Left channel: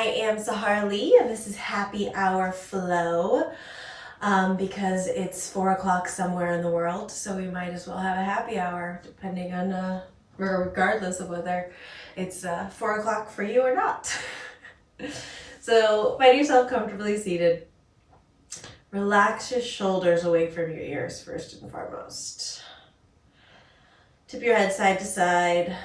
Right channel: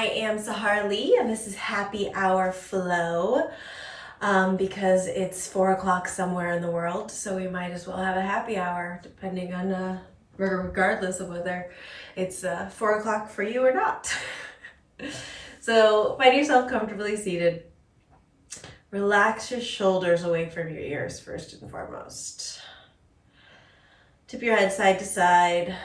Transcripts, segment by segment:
I am Sahara Lee, and this is Happy Hour Flow because it's 4 o'clock somewhere in the world, so we might as well have a happy hour, depending on, regardless of whether it's 4 o'clock for you or not. So find yourself comfortably seated. Relax your shoulders away from your ears first and foremost. Tip your head side to side.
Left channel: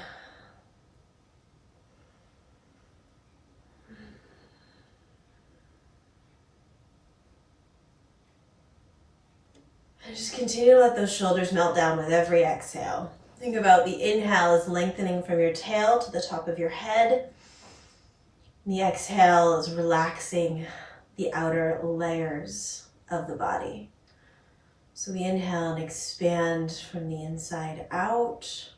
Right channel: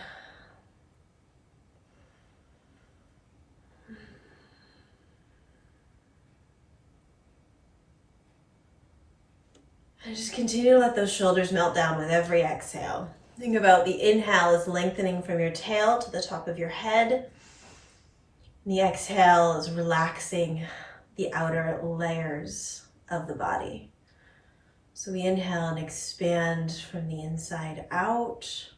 And just continue to let those shoulders melt down with every exhale. Think about the inhale is lengthening from your tail to the top of your head. The exhale is relaxing the outer layers of the body. So we inhale and expand from the inside out.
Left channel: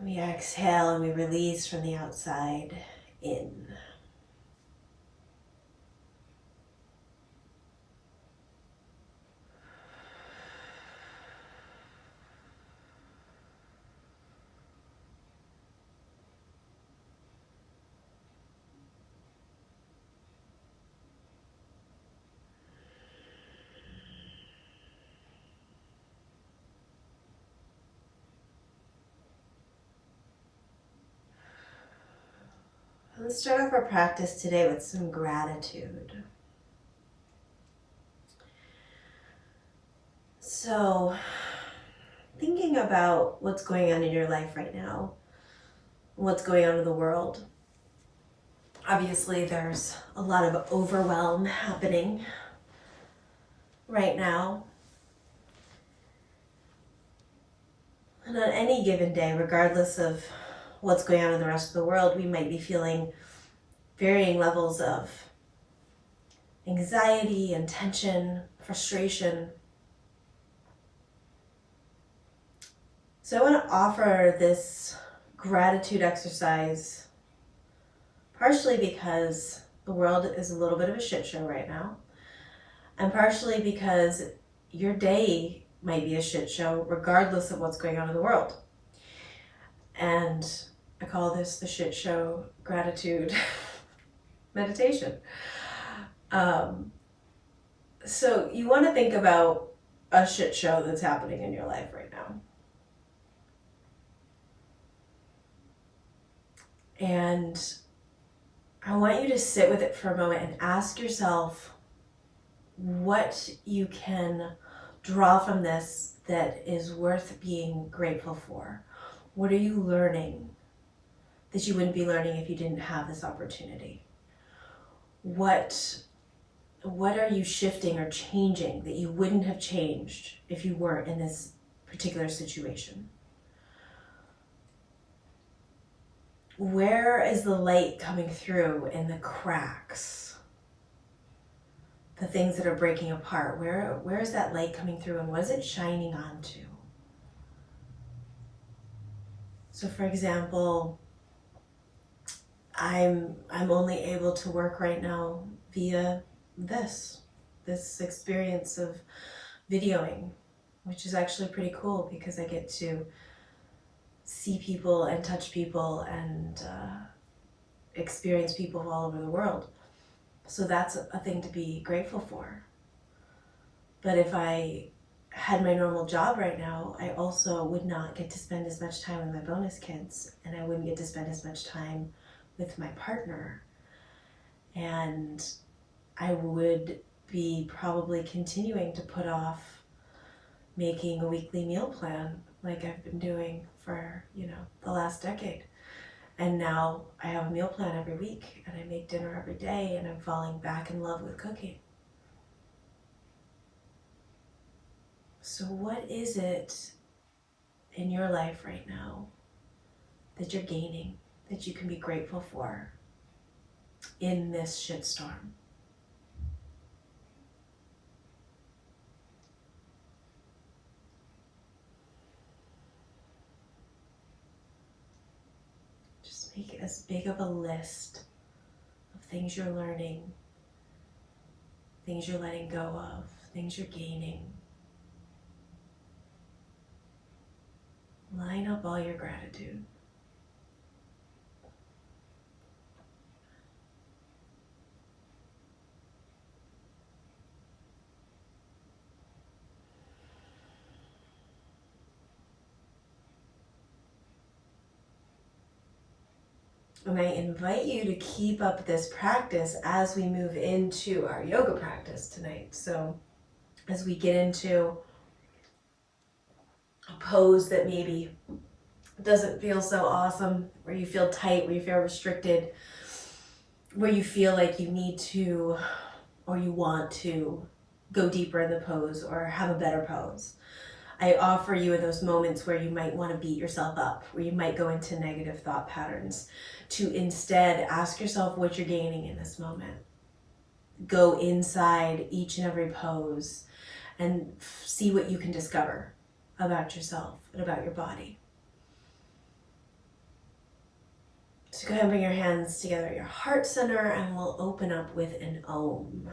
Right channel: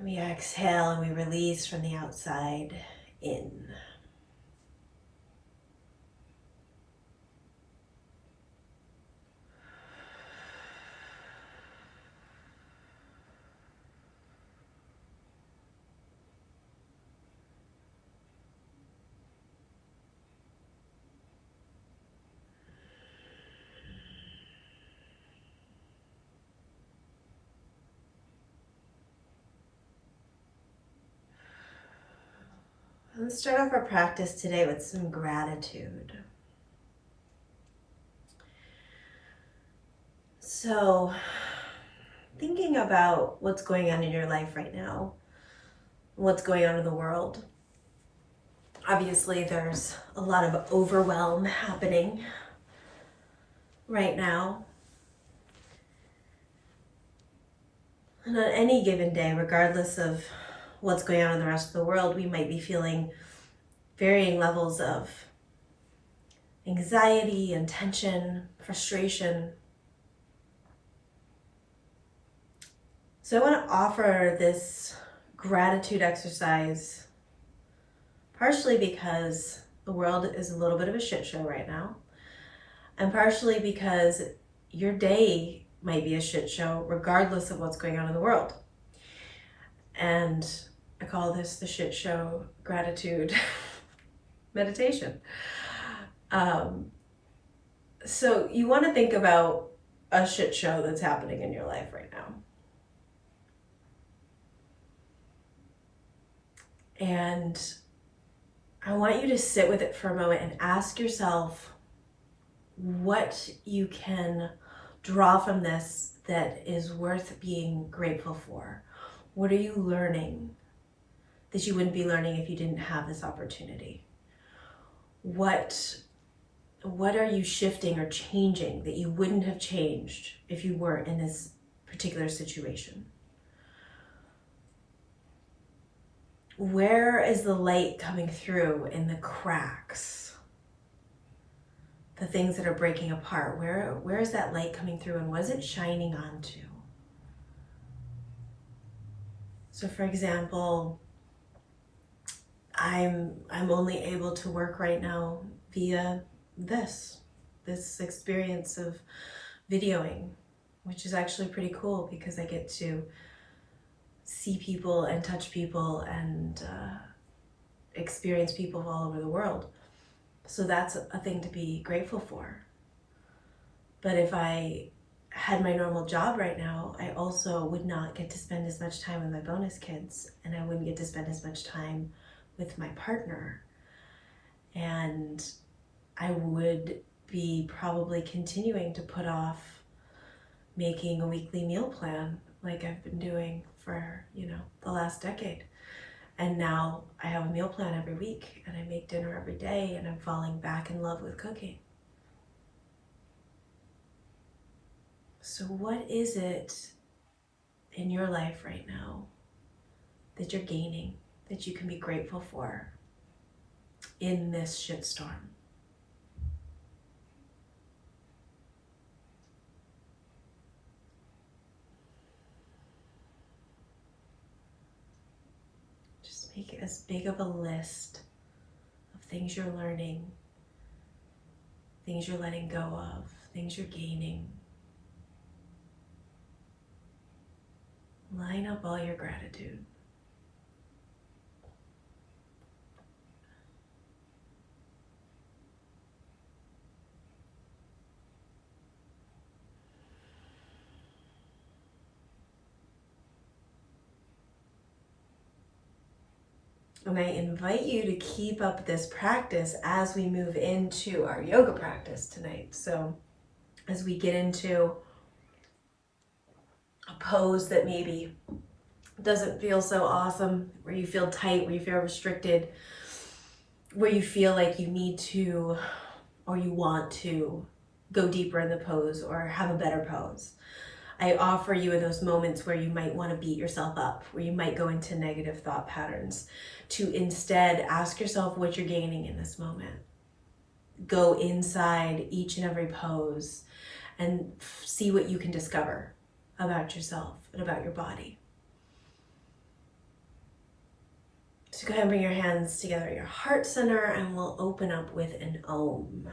We exhale and we release from the outside in. Let's start off our practice today with some gratitude. So, thinking about what's going on in your life right now, what's going on in the world. Obviously, there's a lot of overwhelm happening right now. And on any given day, regardless of what's going on in the rest of the world, we might be feeling varying levels of anxiety and tension, frustration. So I want to offer this gratitude exercise partially because the world is a little bit of a shit show right now, and partially because your day might be a shit show regardless of what's going on in the world. And I call this the shit show gratitude meditation. So you want to think about a shit show that's happening in your life right now. And I want you to sit with it for a moment and ask yourself what you can draw from this that is worth being grateful for. What are you learning that you wouldn't be learning if you didn't have this opportunity? What are you shifting or changing that you wouldn't have changed if you weren't in this particular situation? Where is the light coming through in the cracks? The things that are breaking apart, where is that light coming through and what is it shining onto? So for example, I'm only able to work right now via this experience of videoing, which is actually pretty cool because I get to see people and touch people and experience people all over the world. So that's a thing to be grateful for. But if I had my normal job right now, I also would not get to spend as much time with my bonus kids, and I wouldn't get to spend as much time with my partner. And I would be probably continuing to put off making a weekly meal plan like I've been doing for, the last decade. And now I have a meal plan every week and I make dinner every day and I'm falling back in love with cooking. So what is it in your life right now that you're gaining, that you can be grateful for in this shitstorm? Just make as big of a list of things you're learning, things you're letting go of, things you're gaining. Line up all your gratitude. And I invite you to keep up this practice as we move into our yoga practice tonight. So as we get into a pose that maybe doesn't feel so awesome, where you feel tight, where you feel restricted, where you feel like you need to or you want to go deeper in the pose or have a better pose. I offer you in those moments where you might want to beat yourself up, where you might go into negative thought patterns, to instead ask yourself what you're gaining in this moment. Go inside each and every pose and see what you can discover about yourself and about your body. So go ahead and bring your hands together at your heart center, and we'll open up with an Om.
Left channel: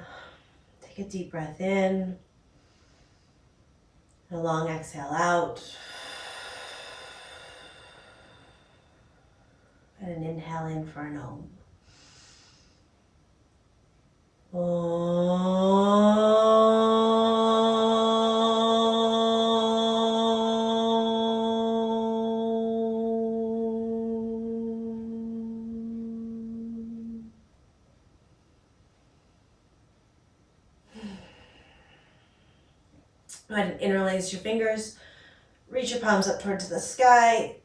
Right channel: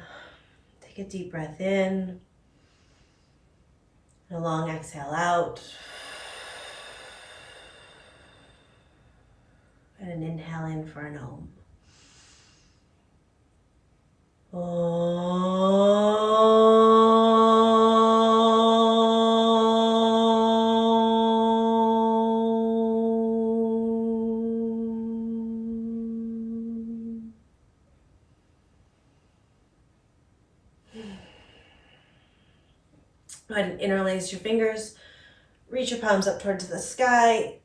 Take a deep breath in, and a long exhale out, and an inhale in for an Om. Go ahead and interlace your fingers. Reach your palms up towards the sky.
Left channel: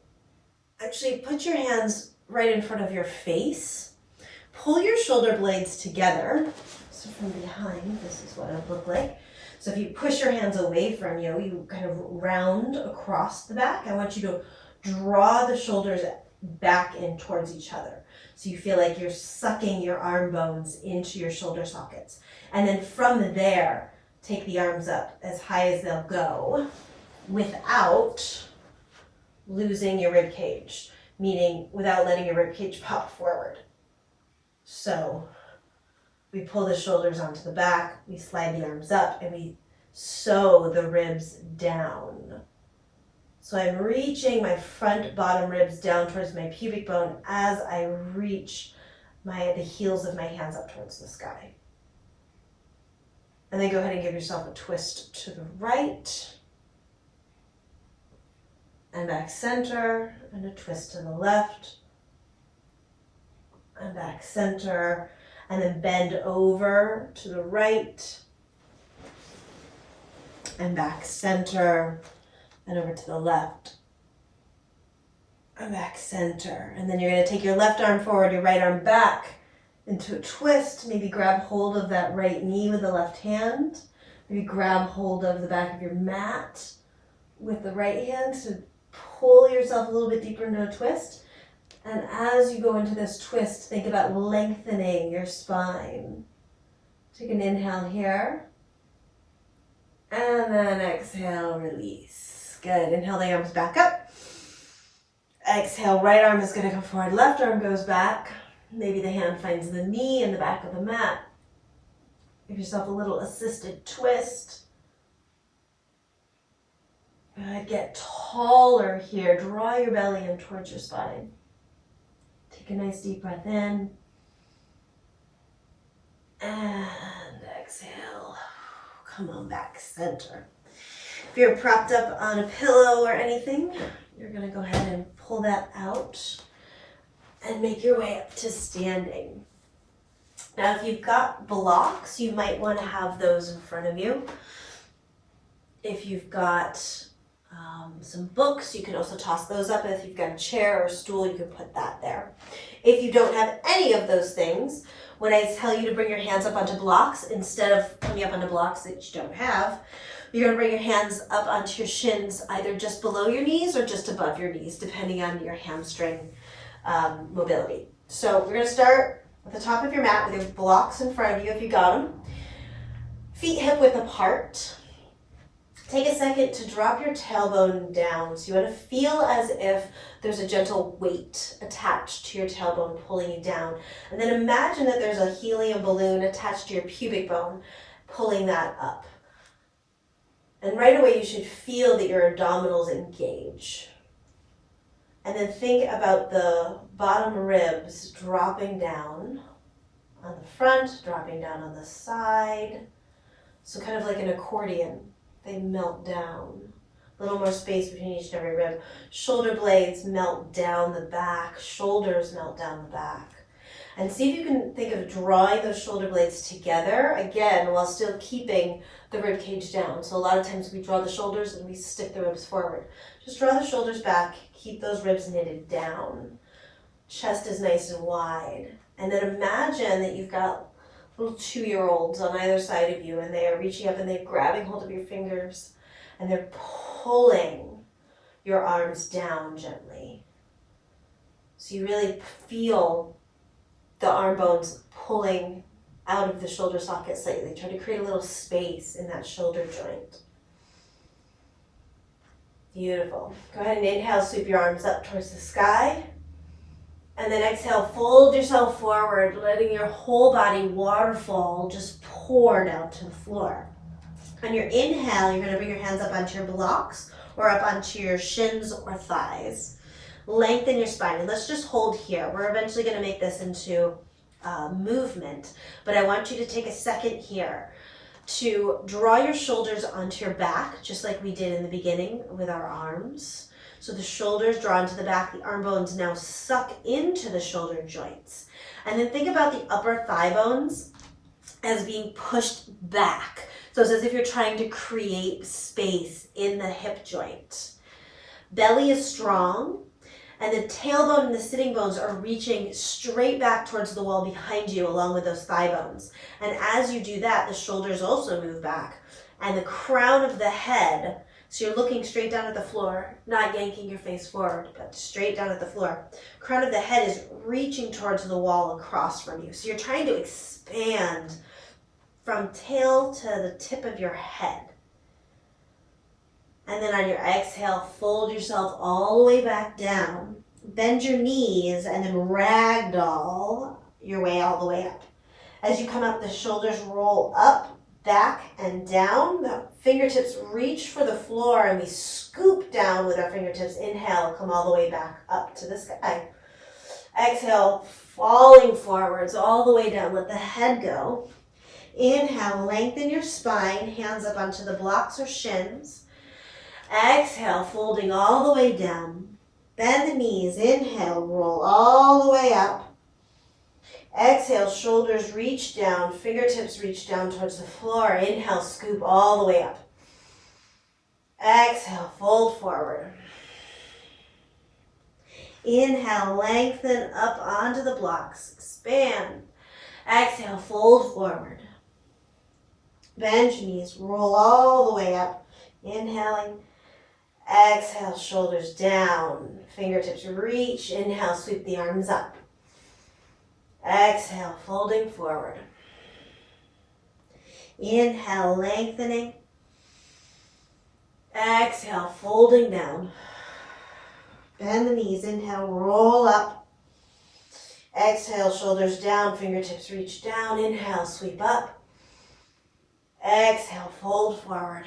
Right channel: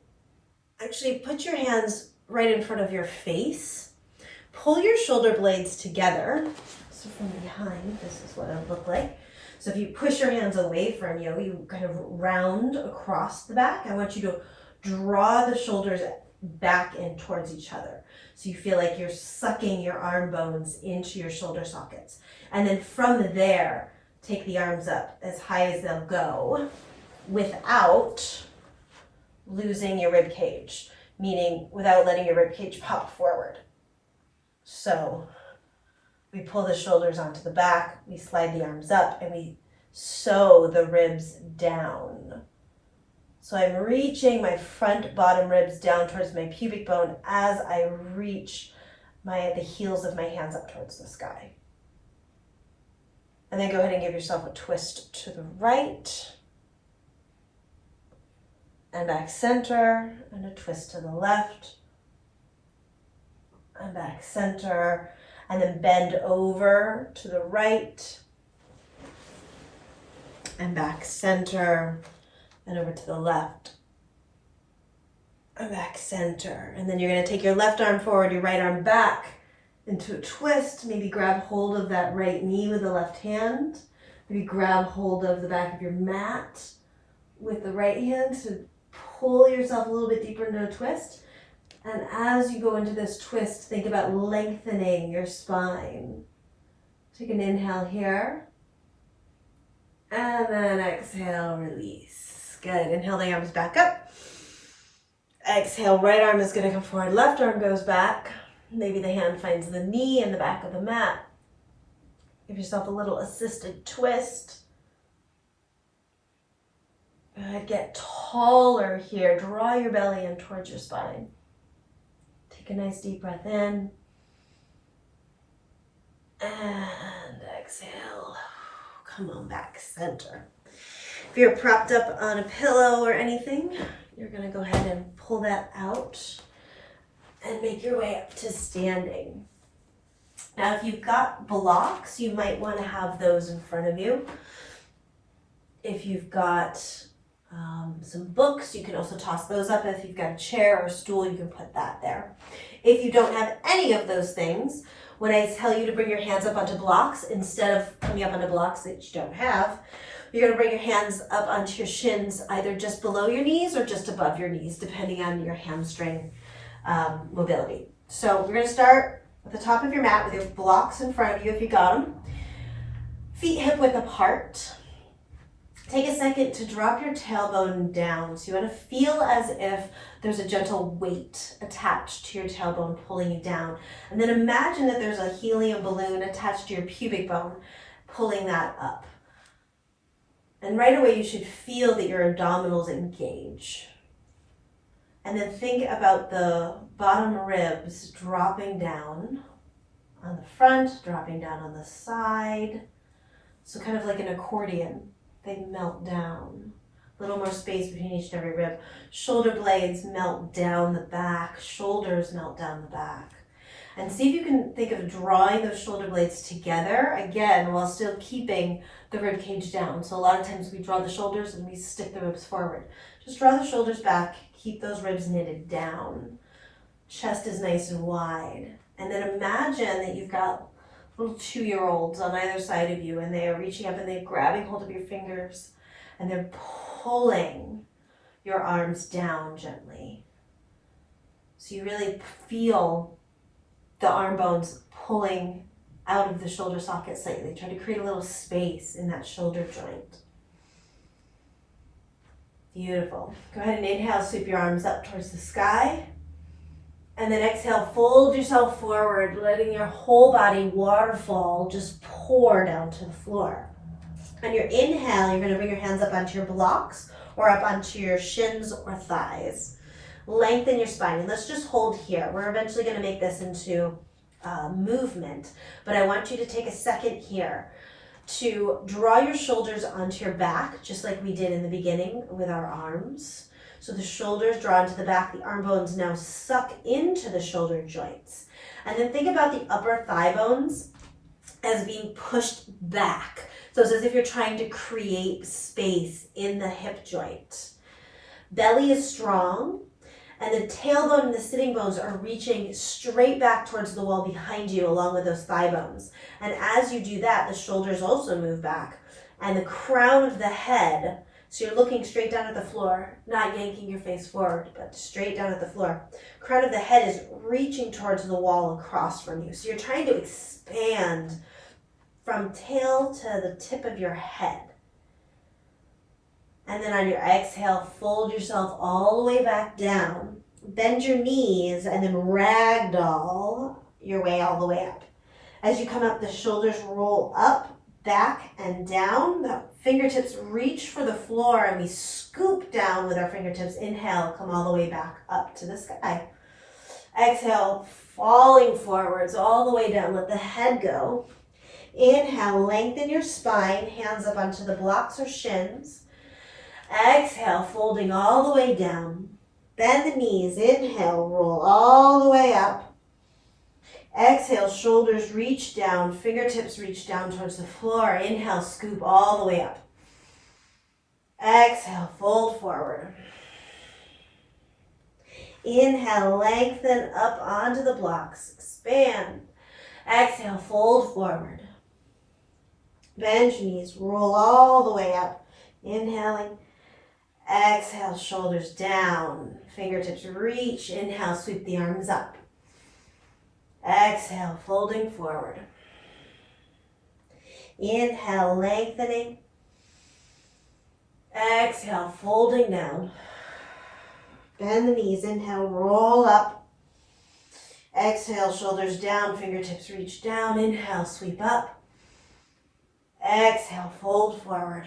Actually, put your hands right in front of your face. Pull your shoulder blades together. So from behind, this is what it would look like. So if you push your hands away from you, you kind of round across the back. I want you to draw the shoulders back in towards each other. So you feel like you're sucking your arm bones into your shoulder sockets. And then from there, take the arms up as high as they'll go without losing your rib cage, meaning without letting your rib cage pop forward. So we pull the shoulders onto the back, we slide the arms up, and we sew the ribs down. So I'm reaching my front bottom ribs down towards my pubic bone as I reach the heels of my hands up towards the sky. And then go ahead and give yourself a twist to the right and back center, and a twist to the left and back center, and then bend over to the right and back center and over to the left and back center. And then you're going to take your left arm forward, your right arm back into a twist. Maybe grab hold of that right knee with the left hand. Maybe grab hold of the back of your mat with the right hand to pull yourself a little bit deeper into a twist. And as you go into this twist, think about lengthening your spine. Take an inhale here. And then exhale, release. Good. Inhale the arms back up. Exhale, right arm is going to come forward. Left arm goes back. Maybe the hand finds the knee in the back of the mat. Give yourself a little assisted twist. Good. Get taller here. Draw your belly in towards your spine. Take a nice deep breath in. And exhale. Come on back, center. If you're propped up on a pillow or anything, you're going to go ahead and pull that out and make your way up to standing. Now, if you've got blocks, you might want to have those in front of you. If you've got some books, you can also toss those up. If you've got a chair or a stool, you can put that there. If you don't have any of those things, when I tell you to bring your hands up onto blocks, instead of coming up onto blocks that you don't have, you're going to bring your hands up onto your shins, either just below your knees or just above your knees, depending on your hamstring mobility. So we're going to start at the top of your mat with your blocks in front of you if you got them. Feet hip width apart. Take a second to drop your tailbone down. So you want to feel as if there's a gentle weight attached to your tailbone pulling you down. And then imagine that there's a helium balloon attached to your pubic bone pulling that up. And right away you should feel that your abdominals engage. And then think about the bottom ribs dropping down on the front, dropping down on the side. So kind of like an accordion. They melt down. A little more space between each and every rib. Shoulder blades melt down the back. Shoulders melt down the back. And see if you can think of drawing those shoulder blades together, again, while still keeping the rib cage down. So a lot of times we draw the shoulders and we stick the ribs forward. Just draw the shoulders back, keep those ribs knitted down. Chest is nice and wide. And then imagine that you've got little 2-year-olds on either side of you, and they are reaching up and they're grabbing hold of your fingers and they're pulling your arms down gently. So you really feel the arm bones pulling out of the shoulder socket slightly. Try to create a little space in that shoulder joint. Beautiful. Go ahead and inhale, sweep your arms up towards the sky. And then exhale, fold yourself forward, letting your whole body waterfall just pour down to the floor. On your inhale, you're going to bring your hands up onto your blocks or up onto your shins or thighs. Lengthen your spine, and let's just hold here. We're eventually going to make this into movement, but I want you to take a second here to draw your shoulders onto your back, just like we did in the beginning with our arms. So the shoulders draw into the back, the arm bones now suck into the shoulder joints. And then think about the upper thigh bones as being pushed back. So it's as if you're trying to create space in the hip joint. Belly is strong, and the tailbone and the sitting bones are reaching straight back towards the wall behind you along with those thigh bones. And as you do that, the shoulders also move back. And the crown of the head, so you're looking straight down at the floor, not yanking your face forward, but straight down at the floor. Crown of the head is reaching towards the wall across from you. So you're trying to expand from tail to the tip of your head. And then on your exhale, fold yourself all the way back down. Bend your knees and then ragdoll your way all the way up. As you come up, the shoulders roll up, back, and down. The fingertips reach for the floor and we scoop down with our fingertips. Inhale, come all the way back up to the sky. Exhale, falling forwards all the way down. Let the head go. Inhale, lengthen your spine, hands up onto the blocks or shins. Exhale, folding all the way down. Bend the knees. Inhale, roll all the way up. Exhale, shoulders reach down, fingertips reach down towards the floor. Inhale, scoop all the way up. Exhale, fold forward. Inhale, lengthen up onto the blocks. Expand. Exhale, fold forward. Bend your knees, roll all the way up. Inhaling. Exhale, shoulders down, fingertips reach. Inhale, sweep the arms up. Exhale, folding forward. Inhale, lengthening. Exhale, folding down. Bend the knees. Inhale, roll up. Exhale, shoulders down, fingertips reach down. Inhale, sweep up. Exhale, fold forward.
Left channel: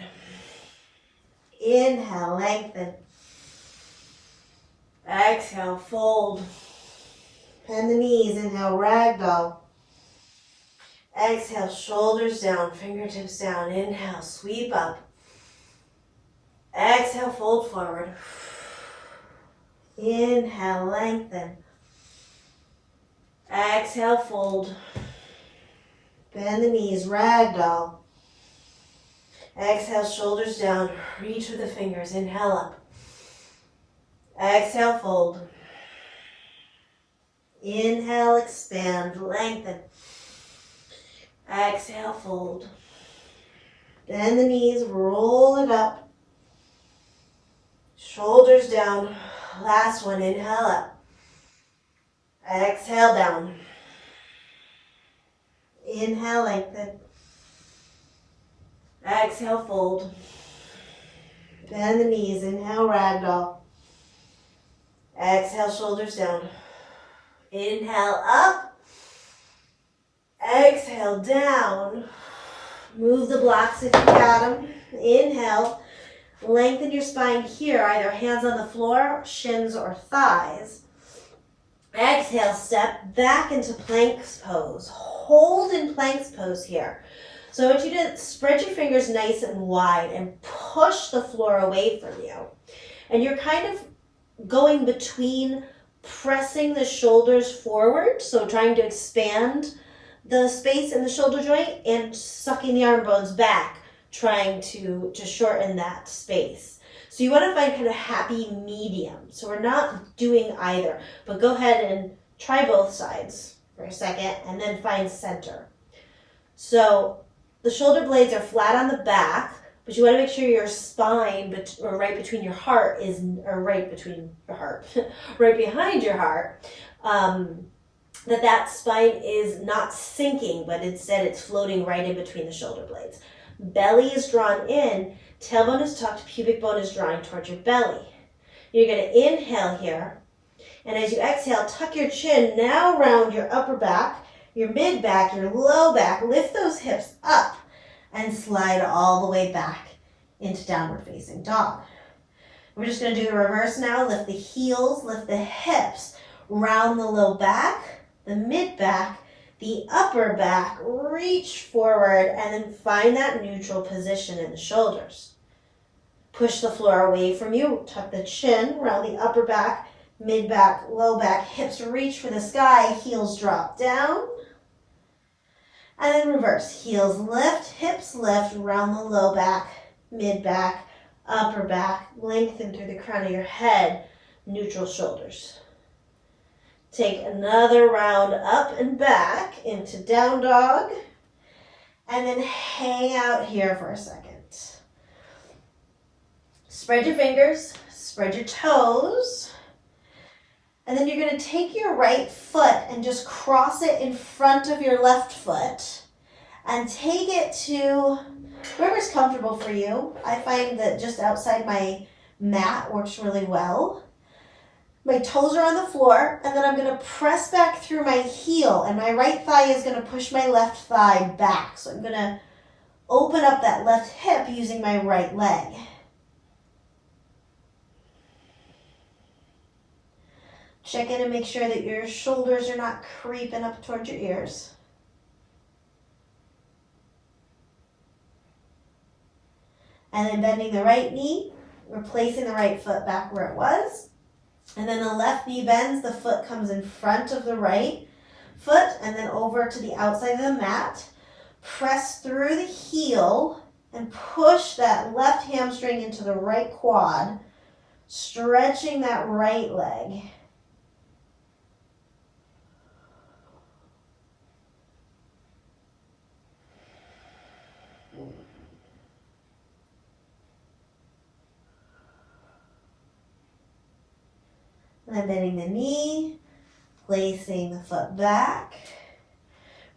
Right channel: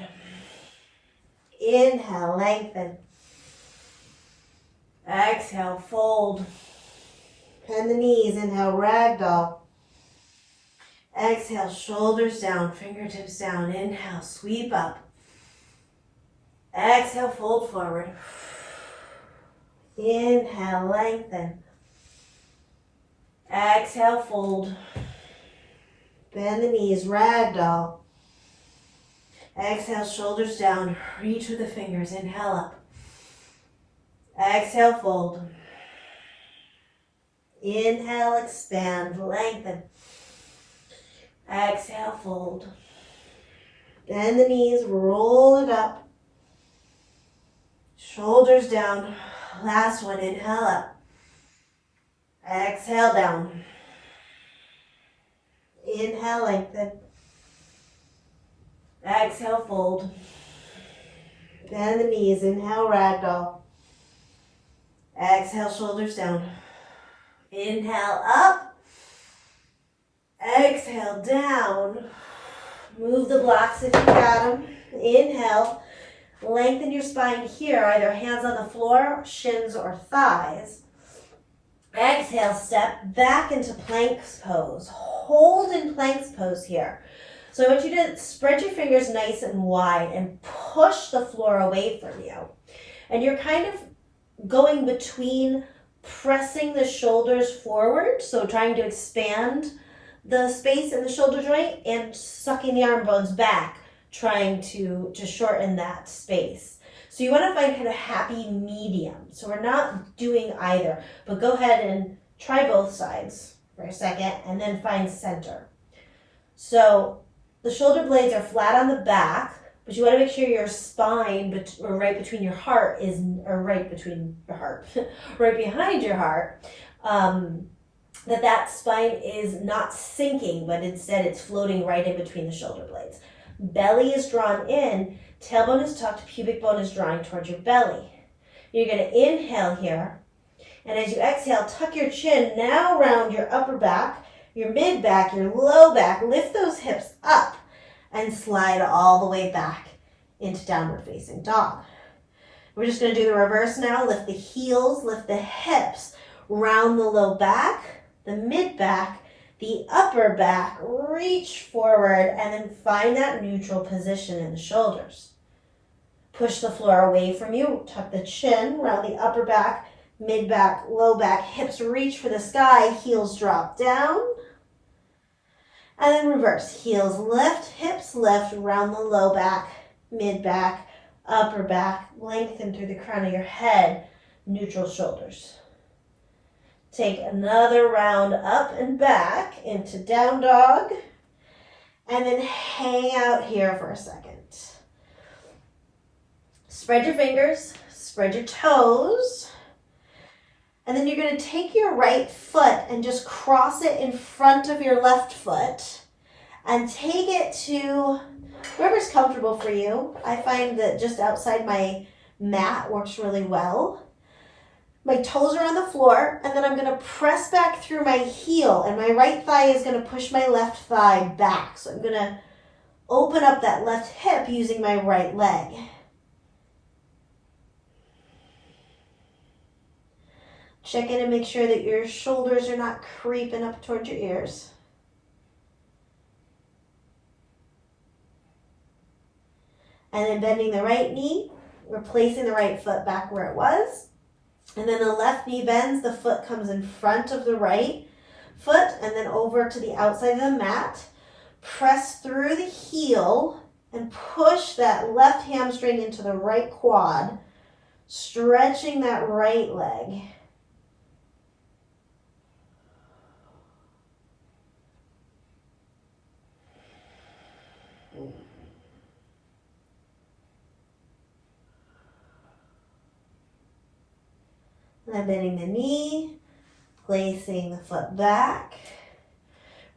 Inhale, lengthen. Exhale, fold. Bend the knees. Inhale, ragdoll. Exhale, shoulders down, fingertips down. Inhale, sweep up. Exhale, fold forward. Inhale, lengthen. Exhale, fold. Bend the knees, ragdoll. Exhale, shoulders down, reach with the fingers. Inhale up. Exhale, fold. Inhale, expand, lengthen. Exhale, fold. Bend the knees, roll it up. Shoulders down. Last one, inhale up. Exhale, down. Inhale, lengthen. Exhale, fold. Bend the knees, inhale, ragdoll. Exhale, shoulders down. Inhale, up. Exhale, down. Move the blocks if you got them. Inhale, lengthen your spine here, either hands on the floor, shins, or thighs. Exhale, step back into plank pose. Hold in plank pose here. So I want you to spread your fingers nice and wide and push the floor away from you. And you're kind of going between pressing the shoulders forward, so trying to expand the space in the shoulder joint, and sucking the arm bones back, trying to shorten that space. So you want to find kind of happy medium. So we're not doing either, but go ahead and try both sides for a second and then find center. So the shoulder blades are flat on the back, but you want to make sure your spine, or right between your heart right behind your heart, that spine is not sinking, but instead it's floating right in between the shoulder blades. Belly is drawn in, tailbone is tucked, pubic bone is drawing towards your belly. You're going to inhale here, and as you exhale, tuck your chin, now round your upper back, your mid back, your low back, lift those hips up, and slide all the way back into downward facing dog. We're just going to do the reverse now. Lift the heels, lift the hips, round the low back, the mid back, the upper back, reach forward, and then find that neutral position in the shoulders. Push the floor away from you, tuck the chin, round the upper back, mid back, low back, hips reach for the sky, heels drop down. And then reverse, heels lift, hips lift, round the low back, mid back, upper back, lengthen through the crown of your head, neutral shoulders. Take another round up and back into down dog, and then hang out here for a second. Spread your fingers, spread your toes, and then you're going to take your right foot and just cross it in front of your left foot and take it to wherever's comfortable for you. I find that just outside my mat works really well. My toes are on the floor, and then I'm going to press back through my heel, and my right thigh is going to push my left thigh back. So I'm going to open up that left hip using my right leg. Check in and make sure that your shoulders are not creeping up towards your ears. And then bending the right knee, replacing the right foot back where it was. And then the left knee bends, the foot comes in front of the right foot and then over to the outside of the mat. Press through the heel and push that left hamstring into the right quad, stretching that right leg. And then bending the knee, placing the foot back.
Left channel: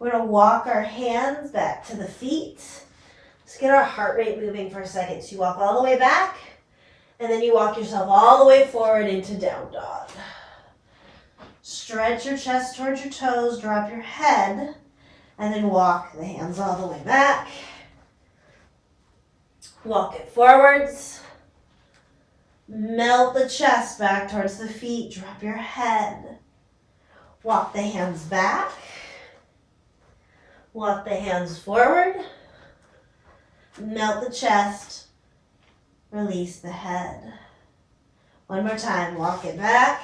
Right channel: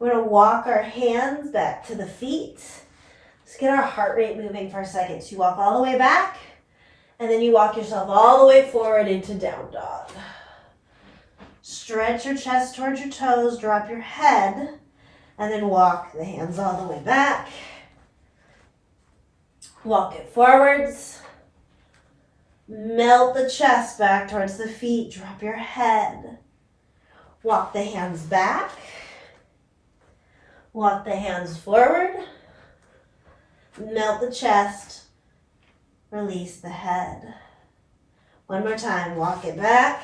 We're going to walk our hands back to the feet. Let's get our heart rate moving for a second. So you walk all the way back, and then you walk yourself all the way forward into down dog. Stretch your chest towards your toes, drop your head, and then walk the hands all the way back. Walk it forwards. Melt the chest back towards the feet. Drop your head. Walk the hands back. Walk the hands forward. Melt the chest. Release the head. One more time. Walk it back.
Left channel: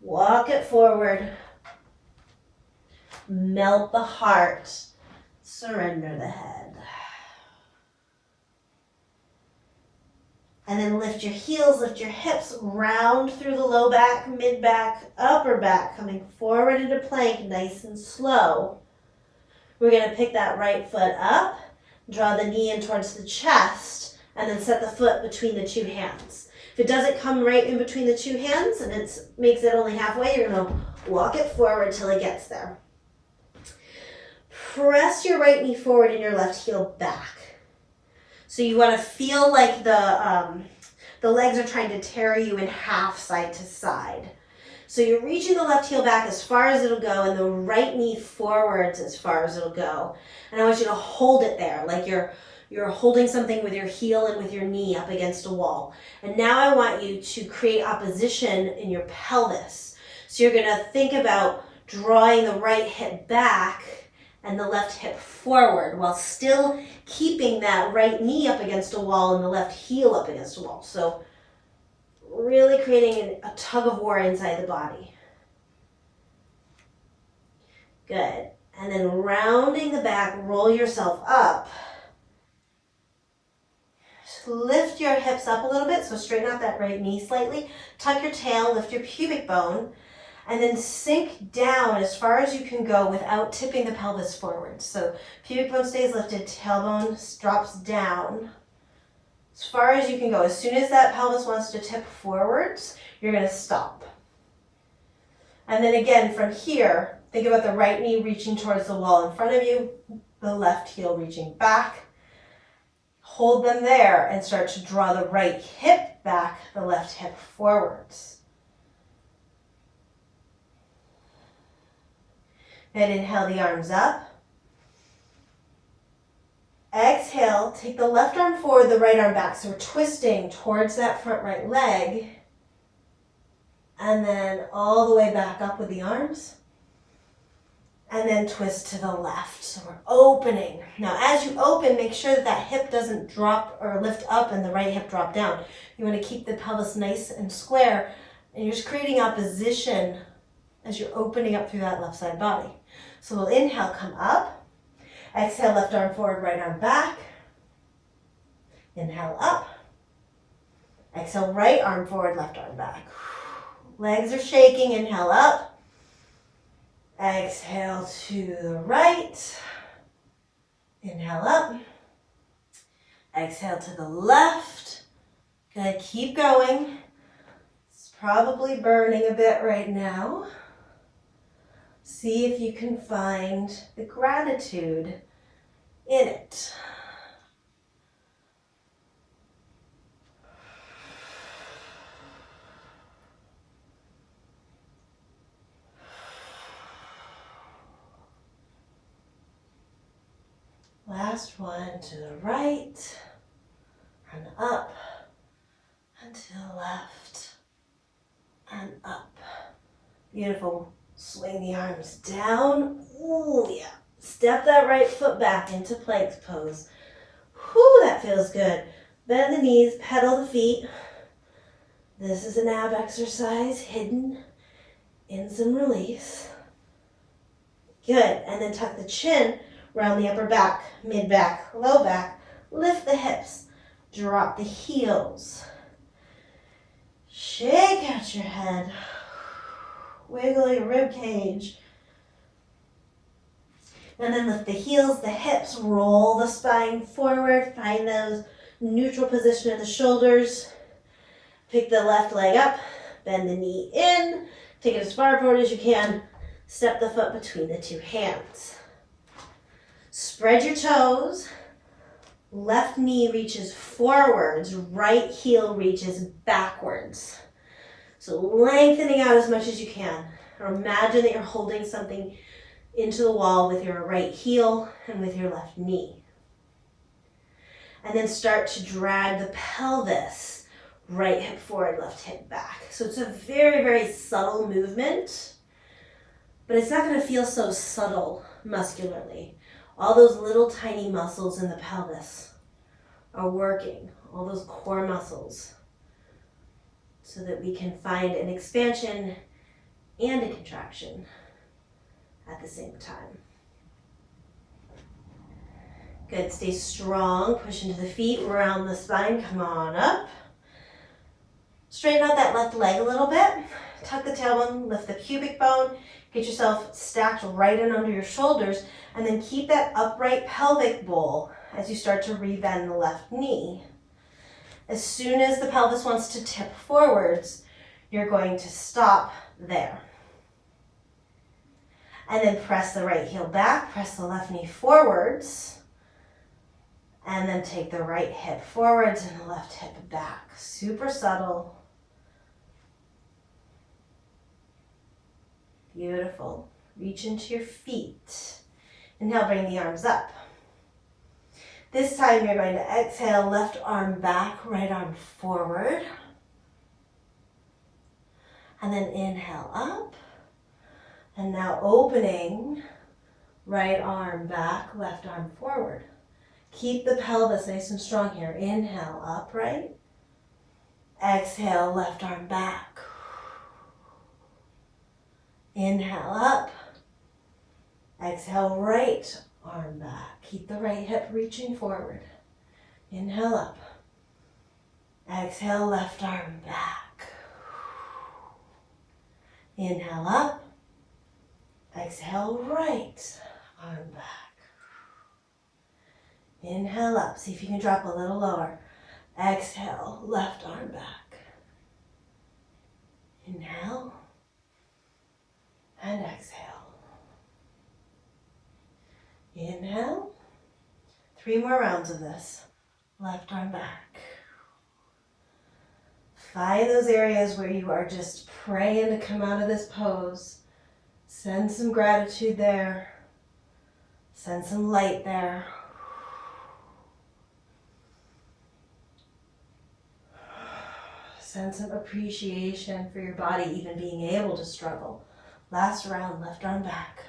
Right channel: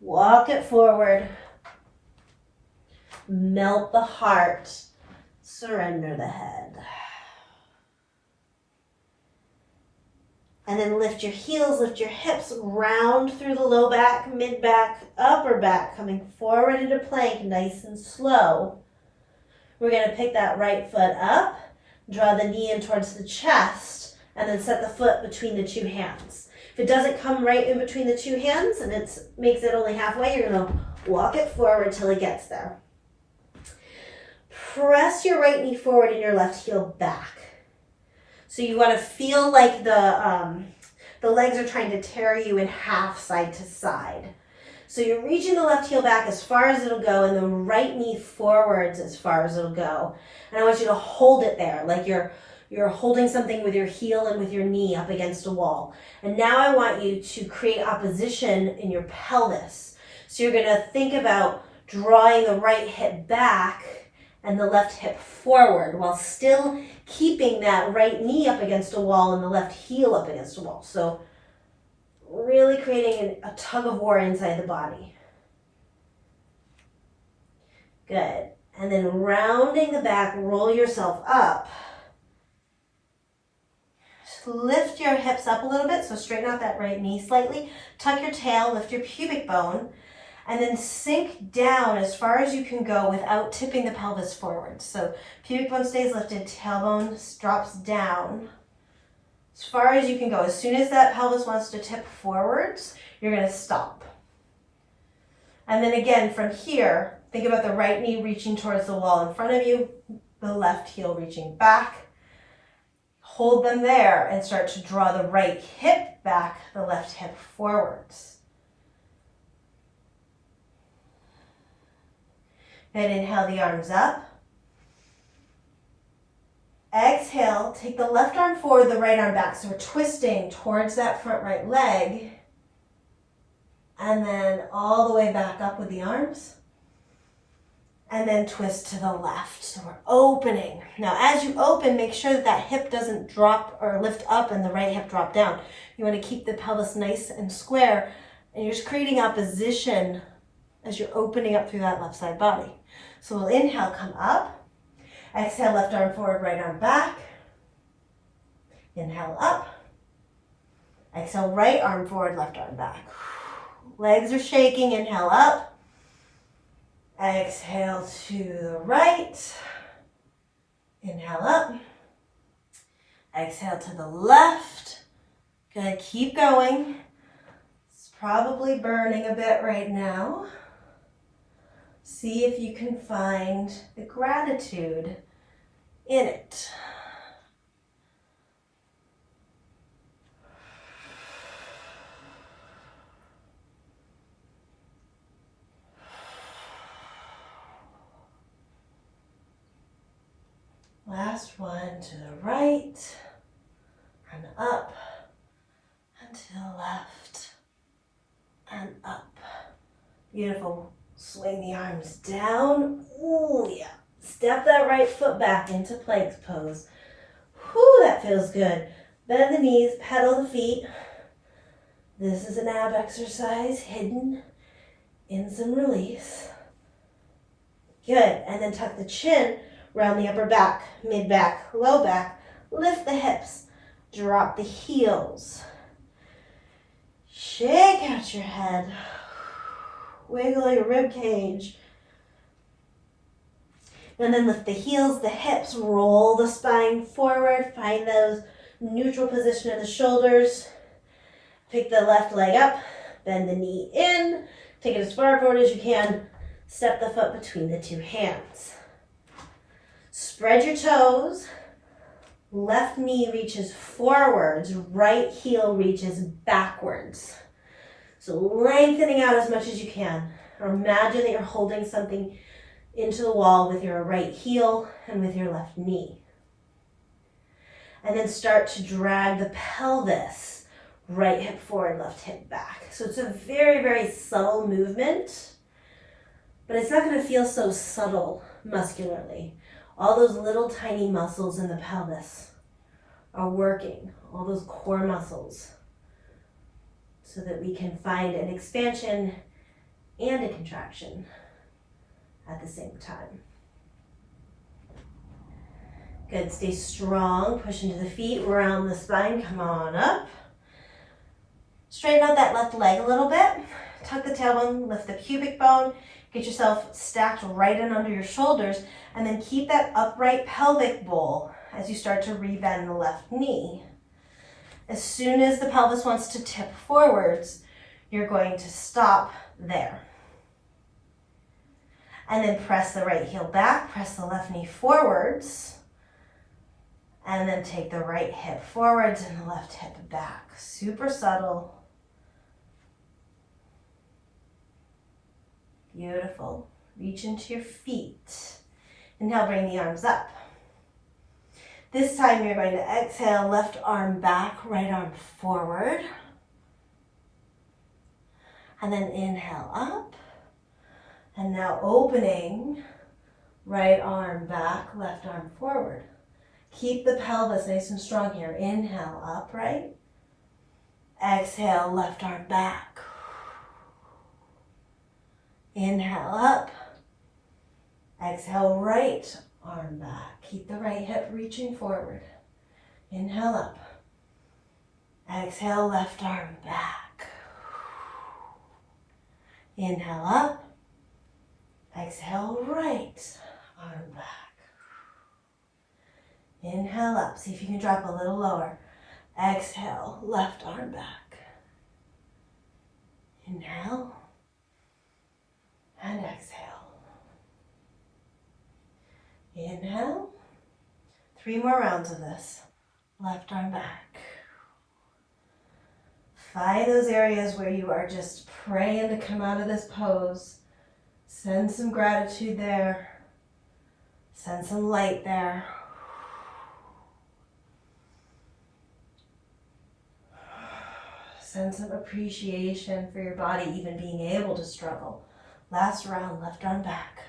Walk it forward. Melt the heart. Surrender the head. And then lift your heels, lift your hips, round through the low back, mid back, upper back, coming forward into plank, nice and slow. We're going to pick that right foot up, draw the knee in towards the chest, and then set the foot between the two hands. If it doesn't come right in between the two hands and it makes it only halfway, you're going to walk it forward till it gets there. Press your right knee forward and your left heel back. So you want to feel like the legs are trying to tear you in half side to side. So you're reaching the left heel back as far as it'll go and the right knee forwards as far as it'll go. And I want you to hold it there like you're holding something with your heel and with your knee up against a wall. And now I want you to create opposition in your pelvis. So you're going to think about drawing the right hip back and the left hip forward while still keeping that right knee up against a wall and the left heel up against a wall. So really creating a tug of war inside the body. Good. And then rounding the back, roll yourself up. Lift your hips up a little bit, so straighten out that right knee slightly. Tuck your tail, lift your pubic bone, and then sink down as far as you can go without tipping the pelvis forward. So pubic bone stays lifted, tailbone drops down as far as you can go. As soon as that pelvis wants to tip forwards, you're going to stop. And then again, from here, think about the right knee reaching towards the wall in front of you, the left heel reaching back. Hold them there and start to draw the right hip back, the left hip forwards. Then inhale the arms up. Exhale, take the left arm forward, the right arm back. So we're twisting towards that front right leg. And then all the way back up with the arms. And then twist to the left. So we're opening. Now as you open, make sure that that hip doesn't drop or lift up and the right hip drop down. You want to keep the pelvis nice and square. And you're just creating opposition as you're opening up through that left side body. So we'll inhale, come up. Exhale, left arm forward, right arm back. Inhale up. Exhale, right arm forward, left arm back. Legs are shaking, inhale up. Exhale to the right. Inhale up. Exhale to the left. Good, keep going. It's probably burning a bit right now. See if you can find the gratitude in it. Last one to the right, and up, and to the left, and up. Beautiful. Swing the arms down. Ooh, yeah. Step that right foot back into plank pose. Whew, that feels good. Bend the knees, pedal the feet. This is an ab exercise hidden in some release. Good. And then tuck the chin. Round the upper back, mid back, low back. Lift the hips. Drop the heels. Shake out your head. Wiggle your rib cage. And then lift the heels, the hips. Roll the spine forward. Find those neutral position of the shoulders. Pick the left leg up. Bend the knee in. Take it as far forward as you can. Step the foot between the two hands. Spread your toes. Left knee reaches forwards. Right heel reaches backwards. So lengthening out as much as you can. Or imagine that you're holding something into the wall with your right heel and with your left knee. And then start to drag the pelvis. Right hip forward, left hip back. So it's a very, very subtle movement. But it's not going to feel so subtle muscularly. All those little tiny muscles in the pelvis are working, all those core muscles, so that we can find an expansion and a contraction at the same time. Good, stay strong, push into the feet, round the spine, come on up. Straighten out that left leg a little bit, tuck the tailbone, lift the pubic bone, get yourself stacked right in under your shoulders, and then keep that upright pelvic bowl as you start to rebend the left knee. As soon as the pelvis wants to tip forwards, you're going to stop there. And then press the right heel back, press the left knee forwards, and then take the right hip forwards and the left hip back. Super subtle. Beautiful. Reach into your feet. Inhale, bring the arms up. This time you're going to exhale, left arm back, right arm forward. And then inhale up. And now opening Right arm back, left arm forward. Keep the pelvis nice and strong here. Inhale, upright. Exhale, left arm back. Inhale, up. Exhale, right arm back. Keep the right hip reaching forward. Inhale, up. Exhale, left arm back. Inhale, up. Exhale, right arm back. Inhale up. See if you can drop a little lower. Exhale, left arm back. Inhale and exhale. Inhale. 3 more rounds of this. Left arm back. Find those areas where you are just praying to come out of this pose. Send some gratitude there. Send some light there. Send some appreciation for your body even being able to struggle. Last round, left arm back.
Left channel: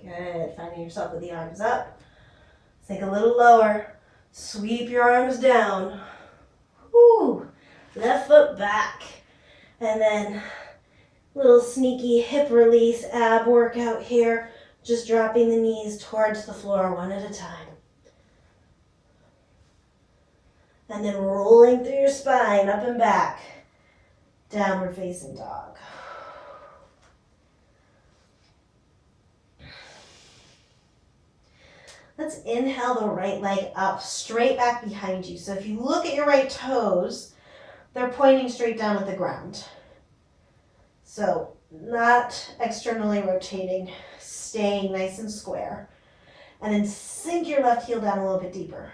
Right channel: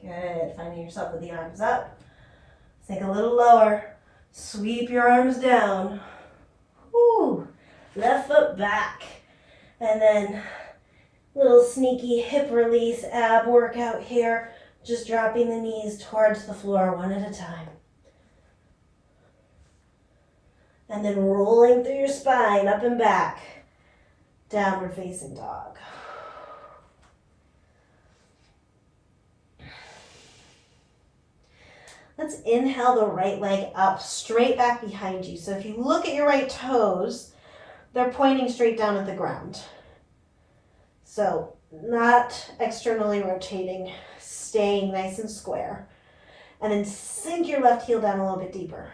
Good. Finding yourself with the arms up. Sink a little lower. Sweep your arms down. Woo. Left foot back. And then little sneaky hip release ab workout here. Just dropping the knees towards the floor one at a time. And then rolling through your spine, up and back. Downward facing dog. Let's inhale the right leg up, straight back behind you. So if you look at your right toes, they're pointing straight down at the ground. So not externally rotating, staying nice and square. And then sink your left heel down a little bit deeper.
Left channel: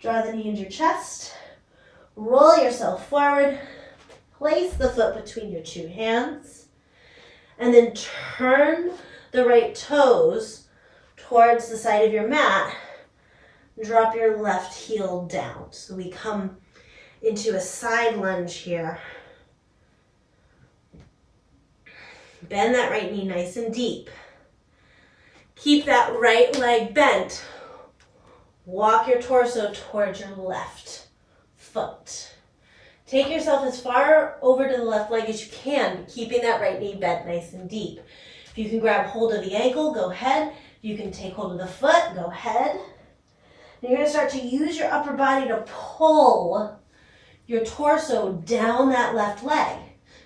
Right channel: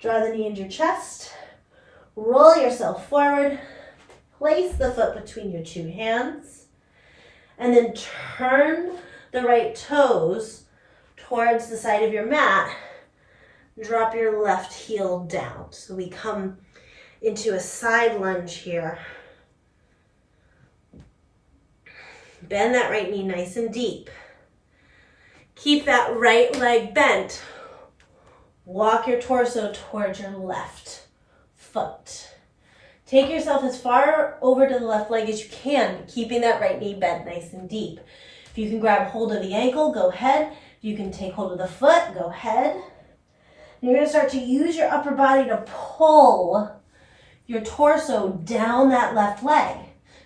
Draw the knee into your chest. Roll yourself forward. Place the foot between your 2 hands. And then turn the right toes towards the side of your mat. Drop your left heel down. So we come into a side lunge here. Bend that right knee nice and deep. Keep that right leg bent. Walk your torso towards your left foot. Take yourself as far over to the left leg as you can, keeping that right knee bent nice and deep. If you can grab hold of the ankle, go ahead. If you can take hold of the foot, go ahead. And you're going to start to use your upper body to pull your torso down that left leg.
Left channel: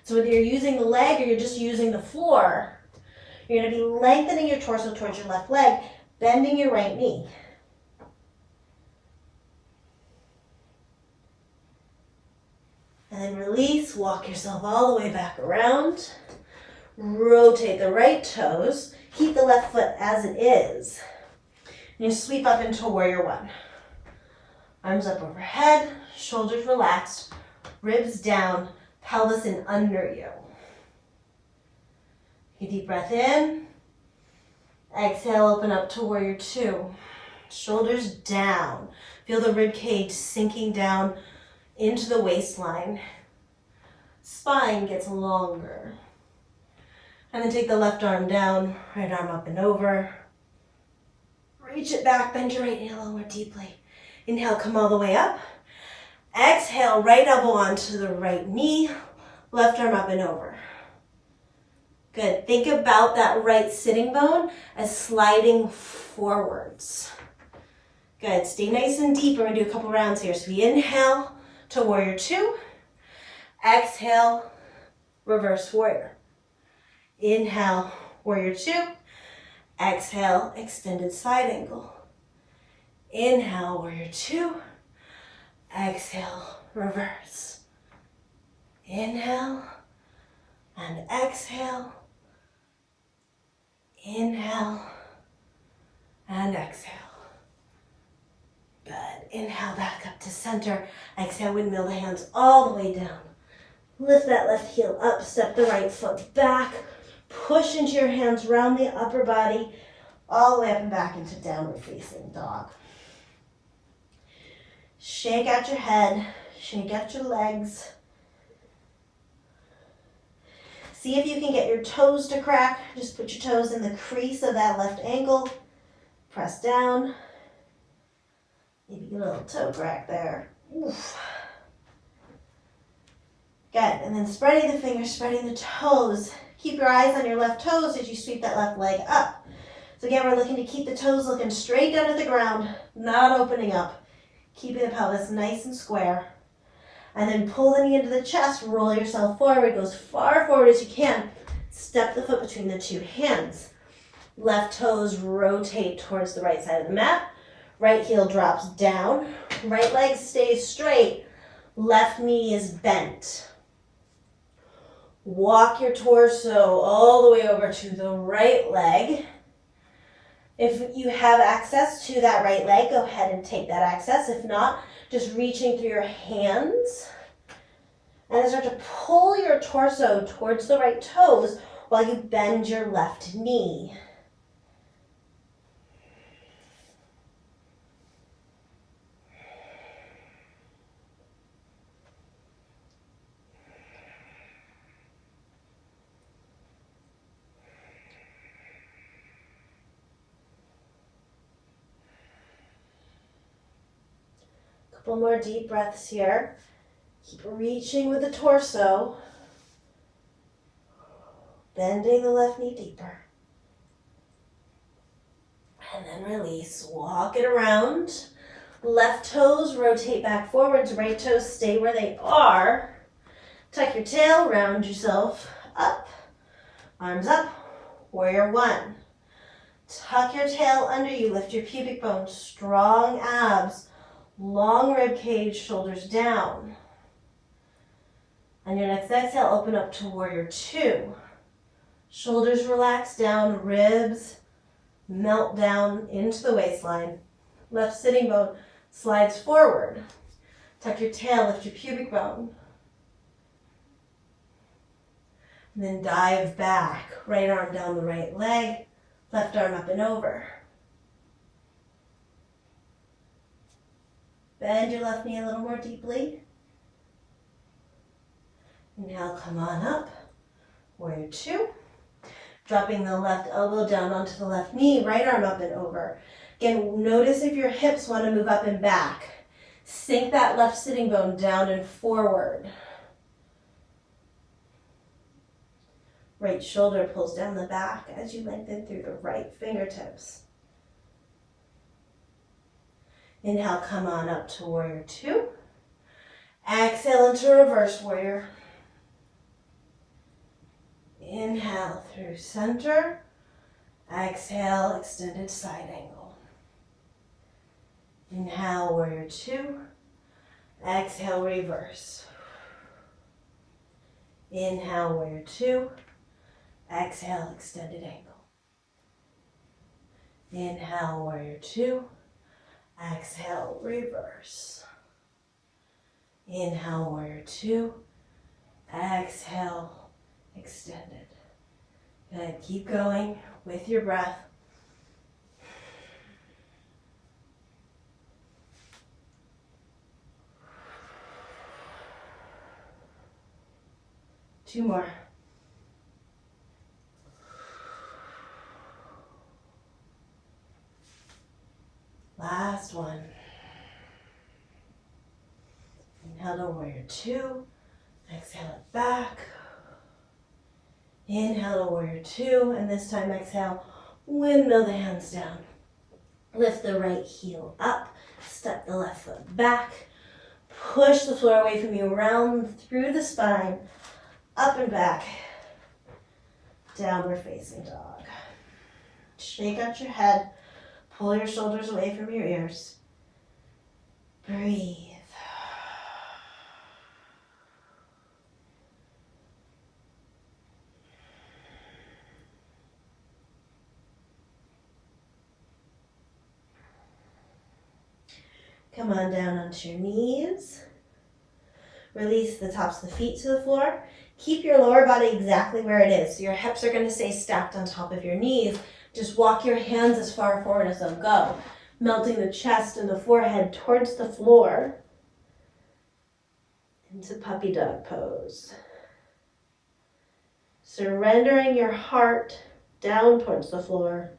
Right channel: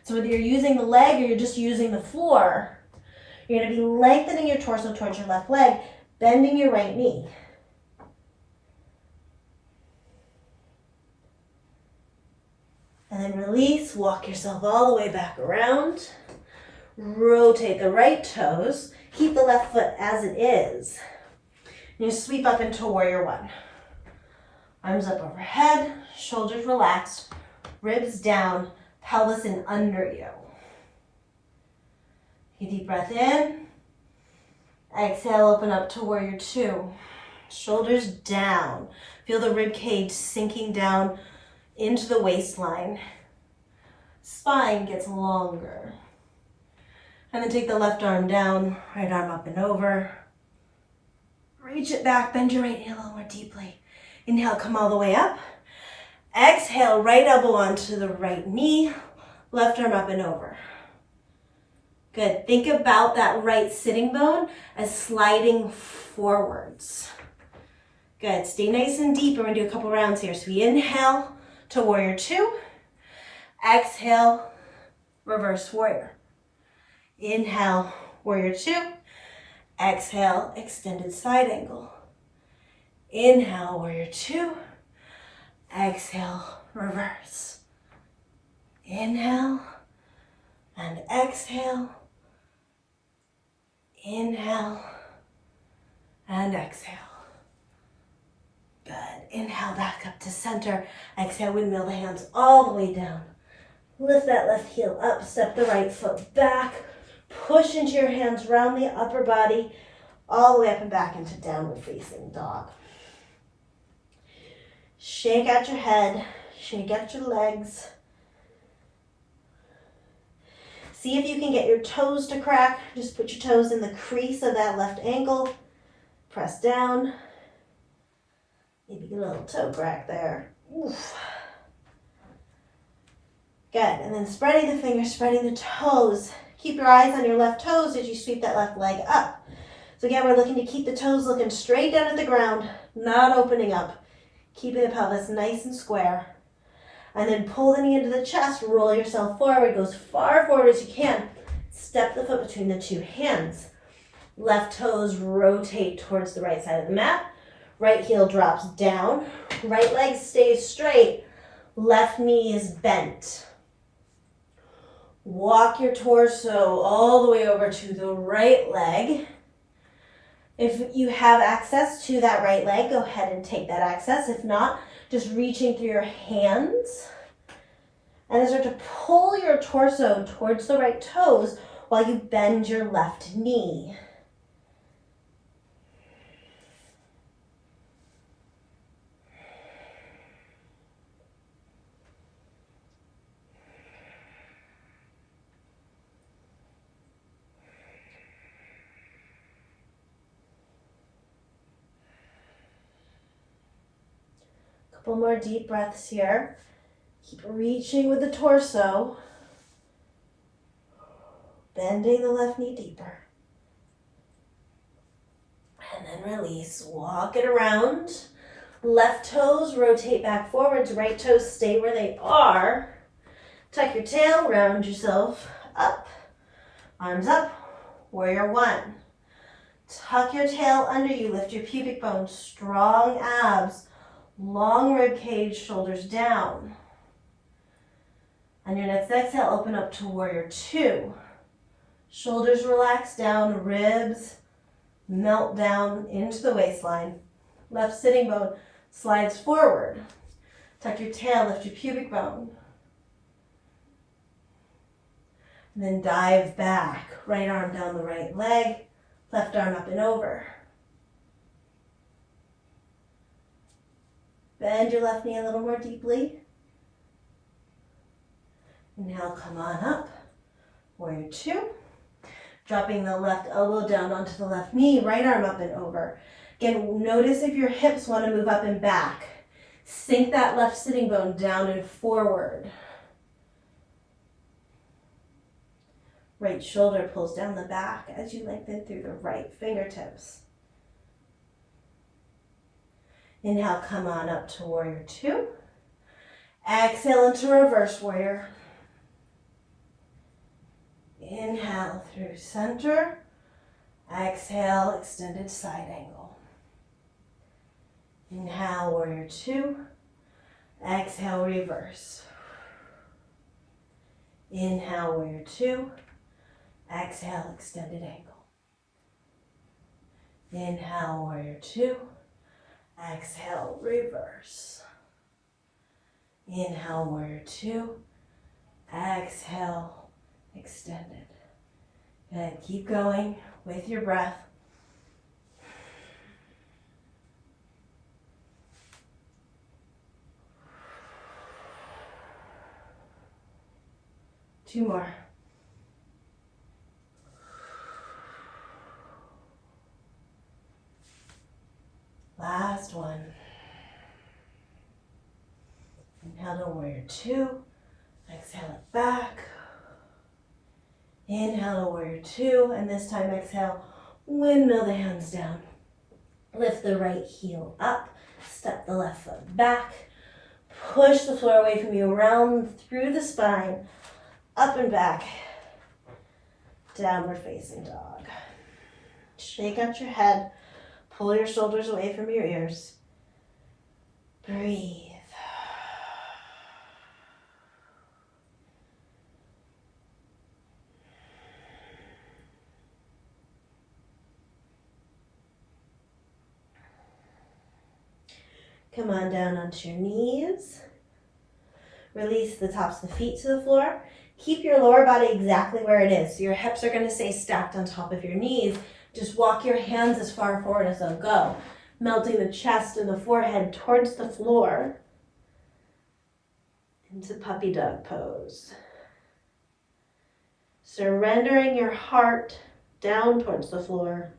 So whether you're using the leg or you're just using the floor, you're going to be lengthening your torso towards your left leg, bending your right knee. And then release, walk yourself all the way back around. Rotate the right toes. Keep the left foot as it is. And you sweep up into warrior 1. Arms up overhead, shoulders relaxed, ribs down, pelvis in under you. Take a deep breath in. Exhale, open up to warrior 2. Shoulders down. Feel the rib cage sinking down into the waistline. Spine gets longer. And then take the left arm down, right arm up and over. Reach it back, bend your right knee a little more deeply. Inhale, come all the way up. Exhale, right elbow onto the right knee, left arm up and over. Good. Think about that right sitting bone as sliding forwards. Good. Stay nice and deep. We're going to do a couple rounds here. So we inhale to warrior 2. Exhale, reverse warrior. Inhale, warrior 2. Exhale, extended side angle. Inhale, warrior 2. Exhale, reverse. Inhale and exhale. Inhale and exhale. Good. Inhale back up to center. Exhale, windmill the hands all the way down. Lift that left heel up, step the right foot back. Push into your hands, round the upper body, all the way up and back into downward facing dog. Shake out your head, Shake out your legs. See if you can get your toes to crack. Just put your toes in the crease of that left ankle. Press down. Maybe get a little toe crack there. Oof. Good. And then spreading the fingers, spreading the toes. Keep your eyes on your left toes as you sweep that left leg up. So again, we're looking to keep the toes looking straight down at the ground, not opening up. Keeping the pelvis nice and square. And then pull the knee into the chest, roll yourself forward, go as far forward as you can. Step the foot between the two hands. Left toes rotate towards the right side of the mat. Right heel drops down. Right leg stays straight. Left knee is bent. Walk your torso all the way over to the right leg. If you have access to that right leg, go ahead and take that access. If not, just reaching through your hands. And then start to pull your torso towards the right toes while you bend your left knee. Couple more deep breaths here. Keep reaching with the torso. Bending the left knee deeper. And then release. Walk it around. Left toes rotate back forwards. Right toes stay where they are. Tuck your tail, round yourself up. Arms up. Warrior one. Tuck your tail under you. Lift your pubic bone. Strong abs. Long rib cage, shoulders down. On your next exhale, open up to warrior two. Shoulders relax down, ribs melt down into the waistline. Left sitting bone slides forward. Tuck your tail, lift your pubic bone. And then dive back. Right arm down the right leg, left arm up and over. Bend your left knee a little more deeply. Inhale, come on up. Warrior two. Dropping the left elbow down onto the left knee, right arm up and over. Again, notice if your hips want to move up and back. Sink that left sitting bone down and forward. Right shoulder pulls down the back as you lengthen through the right fingertips. Inhale, come on up to warrior two. Exhale into reverse warrior. Inhale through center. Exhale, extended side angle. Inhale, warrior two. Exhale, reverse. Inhale, warrior two. Exhale, extended angle. Inhale, warrior two. Exhale, reverse. Inhale, warrior two. Exhale, extended. Good. Keep going with your breath. Two more. Last one. Inhale to warrior two. Exhale it back. Inhale to warrior two. And this time exhale, windmill the hands down. Lift the right heel up. Step the left foot back. Push the floor away from you. Round through the spine. Up and back. Downward facing dog. Shake out your head. Pull your shoulders away from your ears. Breathe. Come on down onto your knees. Release the tops of the feet to the floor. Keep your lower body exactly where it is. So your hips are going to stay stacked on top of your knees. Just walk your hands as far forward as they'll go, melting the chest and the forehead towards the floor. into puppy dog pose. Surrendering your heart down towards the floor.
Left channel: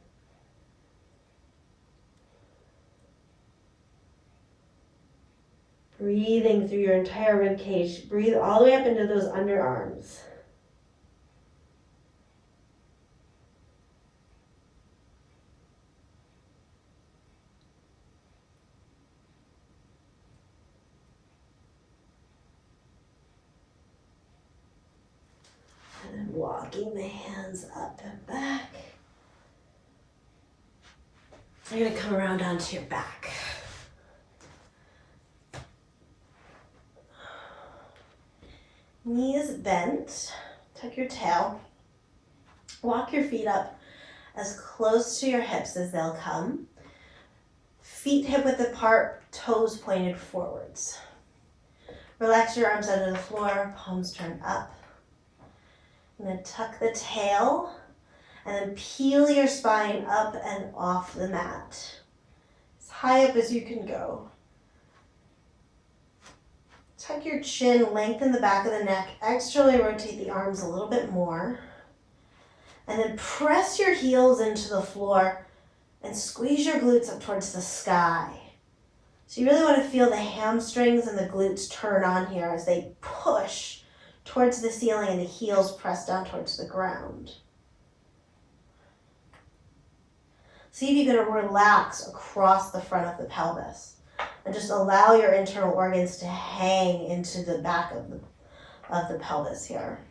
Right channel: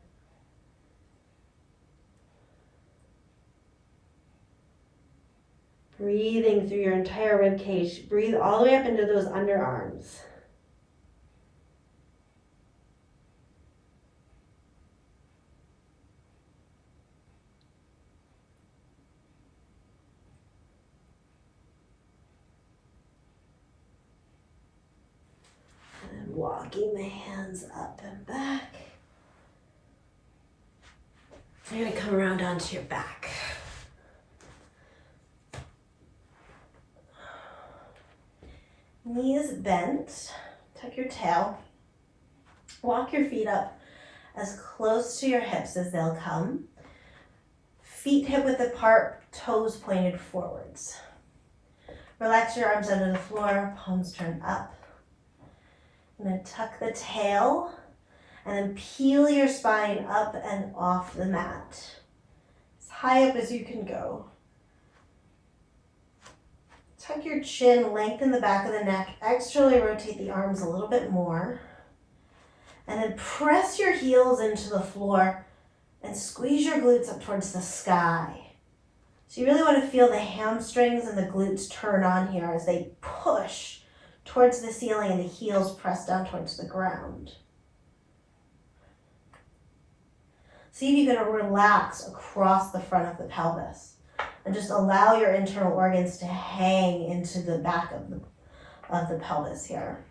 Breathing through your entire rib cage. Breathe all the way up into those underarms. And then walking the hands up and back. You're going to come around onto your back. Knees bent, tuck your tail, walk your feet up as close to your hips as they'll come. Feet hip width apart, toes pointed forwards. Relax your arms under the floor, palms turned up. And then tuck the tail and then peel your spine up and off the mat. As high up as you can go. Tuck your chin, lengthen the back of the neck, externally rotate the arms a little bit more. And then press your heels into the floor and squeeze your glutes up towards the sky. So you really want to feel the hamstrings and the glutes turn on here as they push towards the ceiling and the heels press down towards the ground. See if you can relax across the front of the pelvis. And just allow your internal organs to hang into the back of the pelvis here.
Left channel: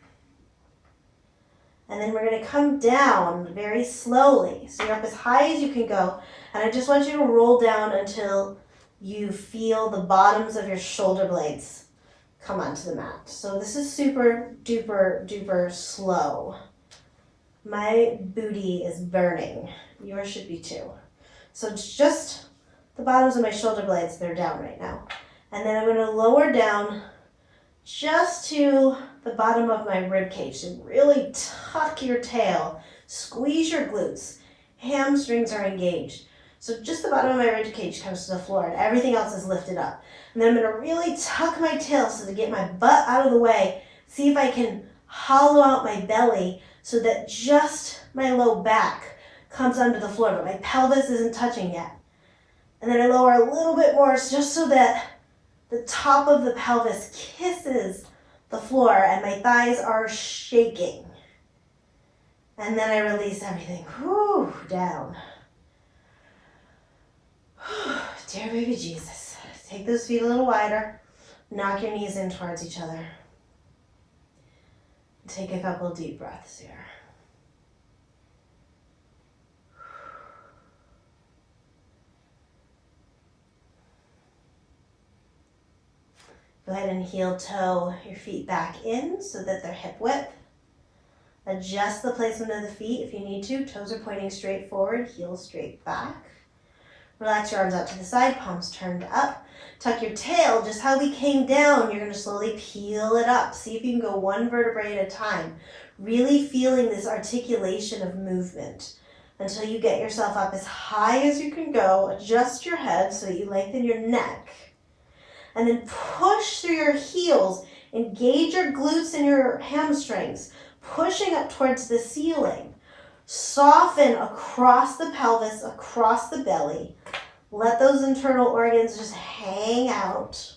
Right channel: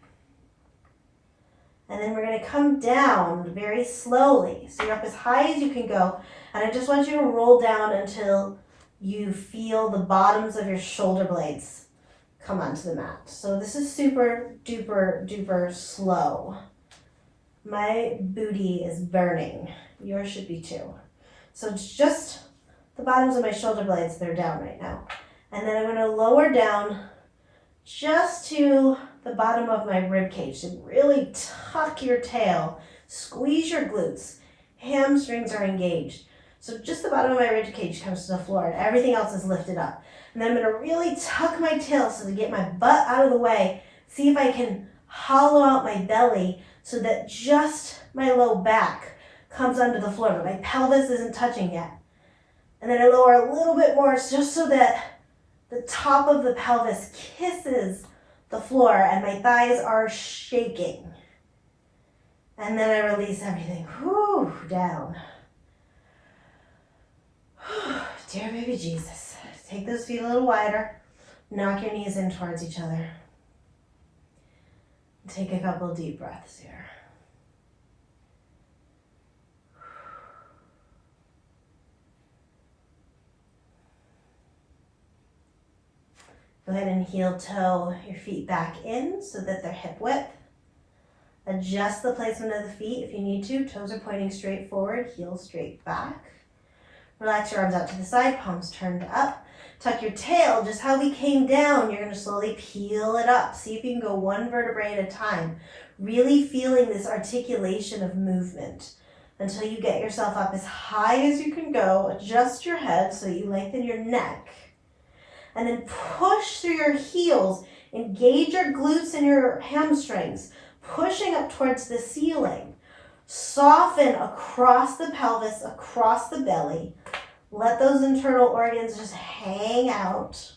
And then we're going to come down very slowly. So you're up as high as you can go. And I just want you to roll down until you feel the bottoms of your shoulder blades come onto the mat. So this is super duper duper slow. My booty is burning. Yours should be too. So it's just the bottoms of my shoulder blades, they're down right now. And then I'm going to lower down just to the bottom of my rib cage. So really tuck your tail, squeeze your glutes, hamstrings are engaged. So just the bottom of my rib cage comes to the floor and everything else is lifted up. And then I'm going to really tuck my tail so to get my butt out of the way. See if I can hollow out my belly so that just my low back comes under the floor, but my pelvis isn't touching yet. And then I lower a little bit more just so that the top of the pelvis kisses the floor and my thighs are shaking. And then I release everything down. Dear baby Jesus. Take those feet a little wider. Knock your knees in towards each other. Take a couple deep breaths here. Go ahead and heel toe your feet back in so that they're hip width. Adjust the placement of the feet if you need to. Toes are pointing straight forward, heels straight back. Relax your arms out to the side, palms turned up. Tuck your tail, just how we came down, you're going to slowly peel it up. See if you can go one vertebrae at a time. Really feeling this articulation of movement until you get yourself up as high as you can go. Adjust your head so you lengthen your neck. And then push through your heels. Engage your glutes and your hamstrings, pushing up towards the ceiling. Soften across the pelvis, across the belly. Let those internal organs just hang out.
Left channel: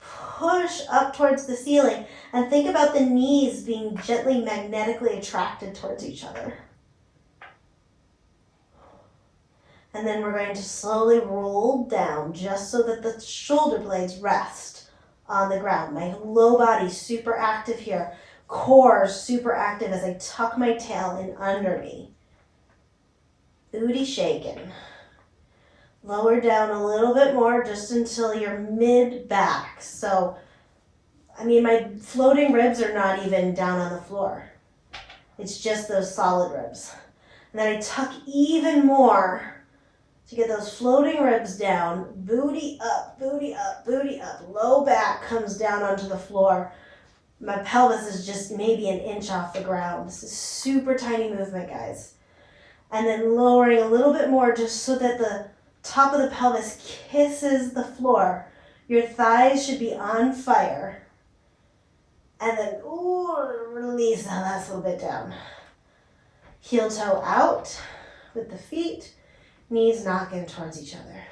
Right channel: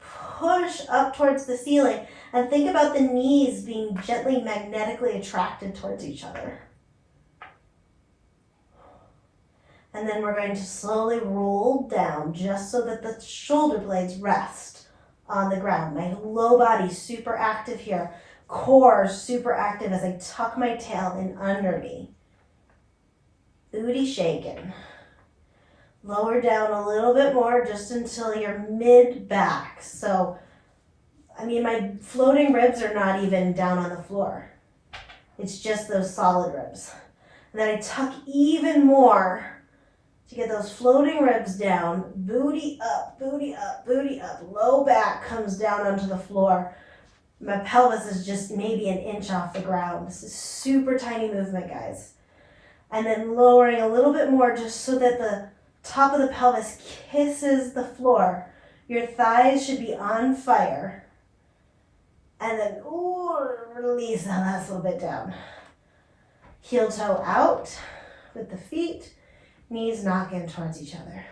Push up towards the ceiling and think about the knees being gently magnetically attracted towards each other. And then we're going to slowly roll down just so that the shoulder blades rest on the ground. My low body super active here. Core super active as I tuck my tail in under me. Booty shaking. Lower down a little bit more just until you're mid-back. So, my floating ribs are not even down on the floor. It's just those solid ribs. And then I tuck even more to get those floating ribs down. Booty up, booty up, booty up. Low back comes down onto the floor. My pelvis is just maybe an inch off the ground. This is super tiny movement, guys. And then lowering a little bit more just so that the top of the pelvis kisses the floor. Your thighs should be on fire. And then, release the last little bit down. Heel toe out with the feet, knees knocking towards each other.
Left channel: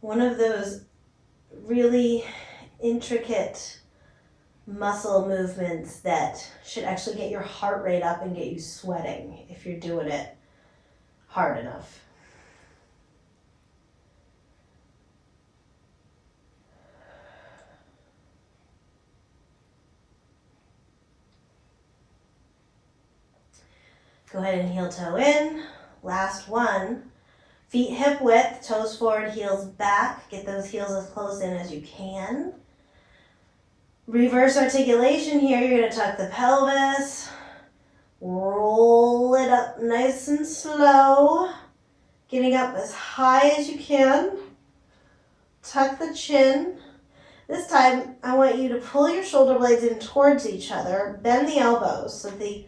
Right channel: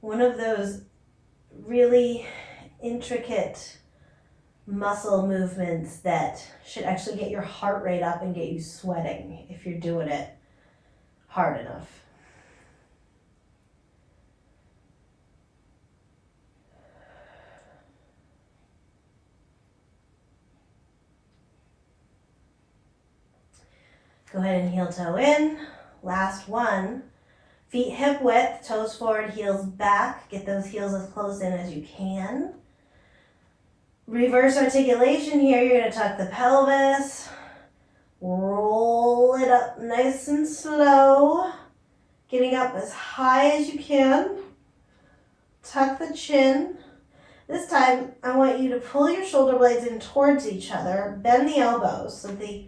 One of those really intricate muscle movements that should actually get your heart rate up and get you sweating if you're doing it hard enough. Go ahead and heel toe in. Last one. Feet hip width, toes forward, heels back. Get those heels as close in as you can. Reverse articulation here. You're going to tuck the pelvis. Roll it up nice and slow. Getting up as high as you can. Tuck the chin. This time, I want you to pull your shoulder blades in towards each other. Bend the elbows so the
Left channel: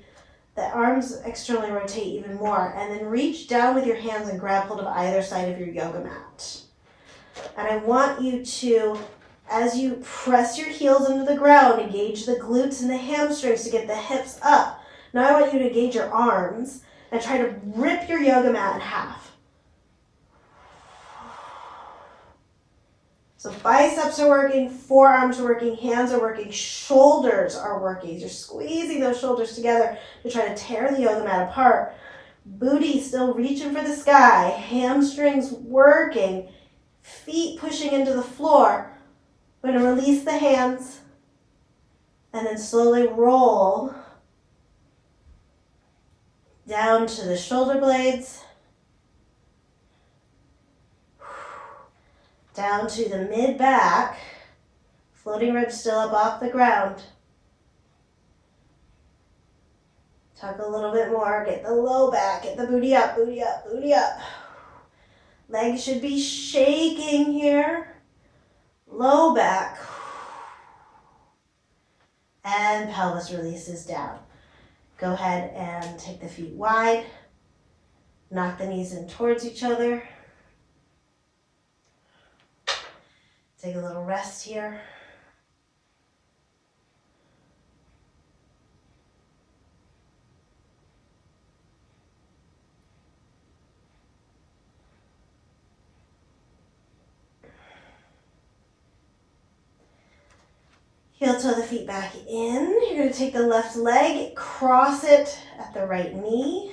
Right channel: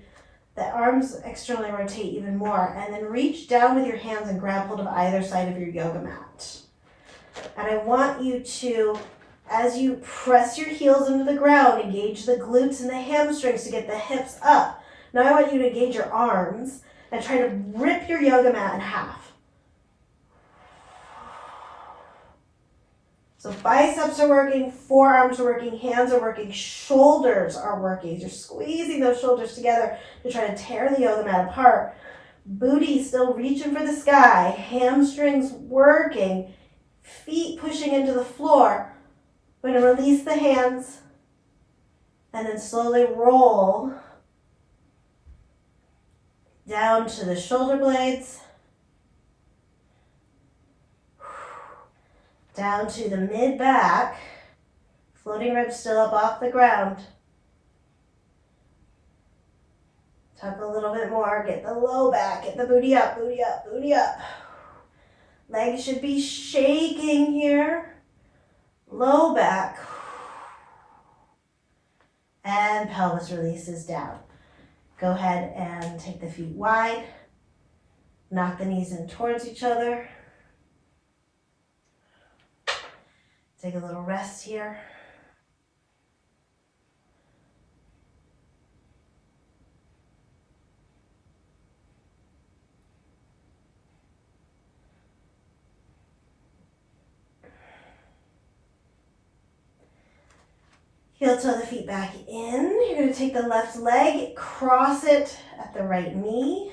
arms externally rotate even more, and then reach down with your hands and grab hold of either side of your yoga mat. And I want you to, as you press your heels into the ground, engage the glutes and the hamstrings to get the hips up. Now I want you to engage your arms and try to rip your yoga mat in half. So biceps are working, forearms are working, hands are working, shoulders are working. You're squeezing those shoulders together to try to tear the yoga mat apart. Booty still reaching for the sky, hamstrings working, feet pushing into the floor. We're going to release the hands and then slowly roll down to the shoulder blades. Down to the mid-back, floating ribs still up off the ground. Tuck a little bit more, get the low back, get the booty up, booty up, booty up. Legs should be shaking here. Low back. And pelvis releases down. Go ahead and take the feet wide. Knock the knees in towards each other. Take a little rest here. Heel toe the feet back in. You're going to take the left leg, cross it at the right knee,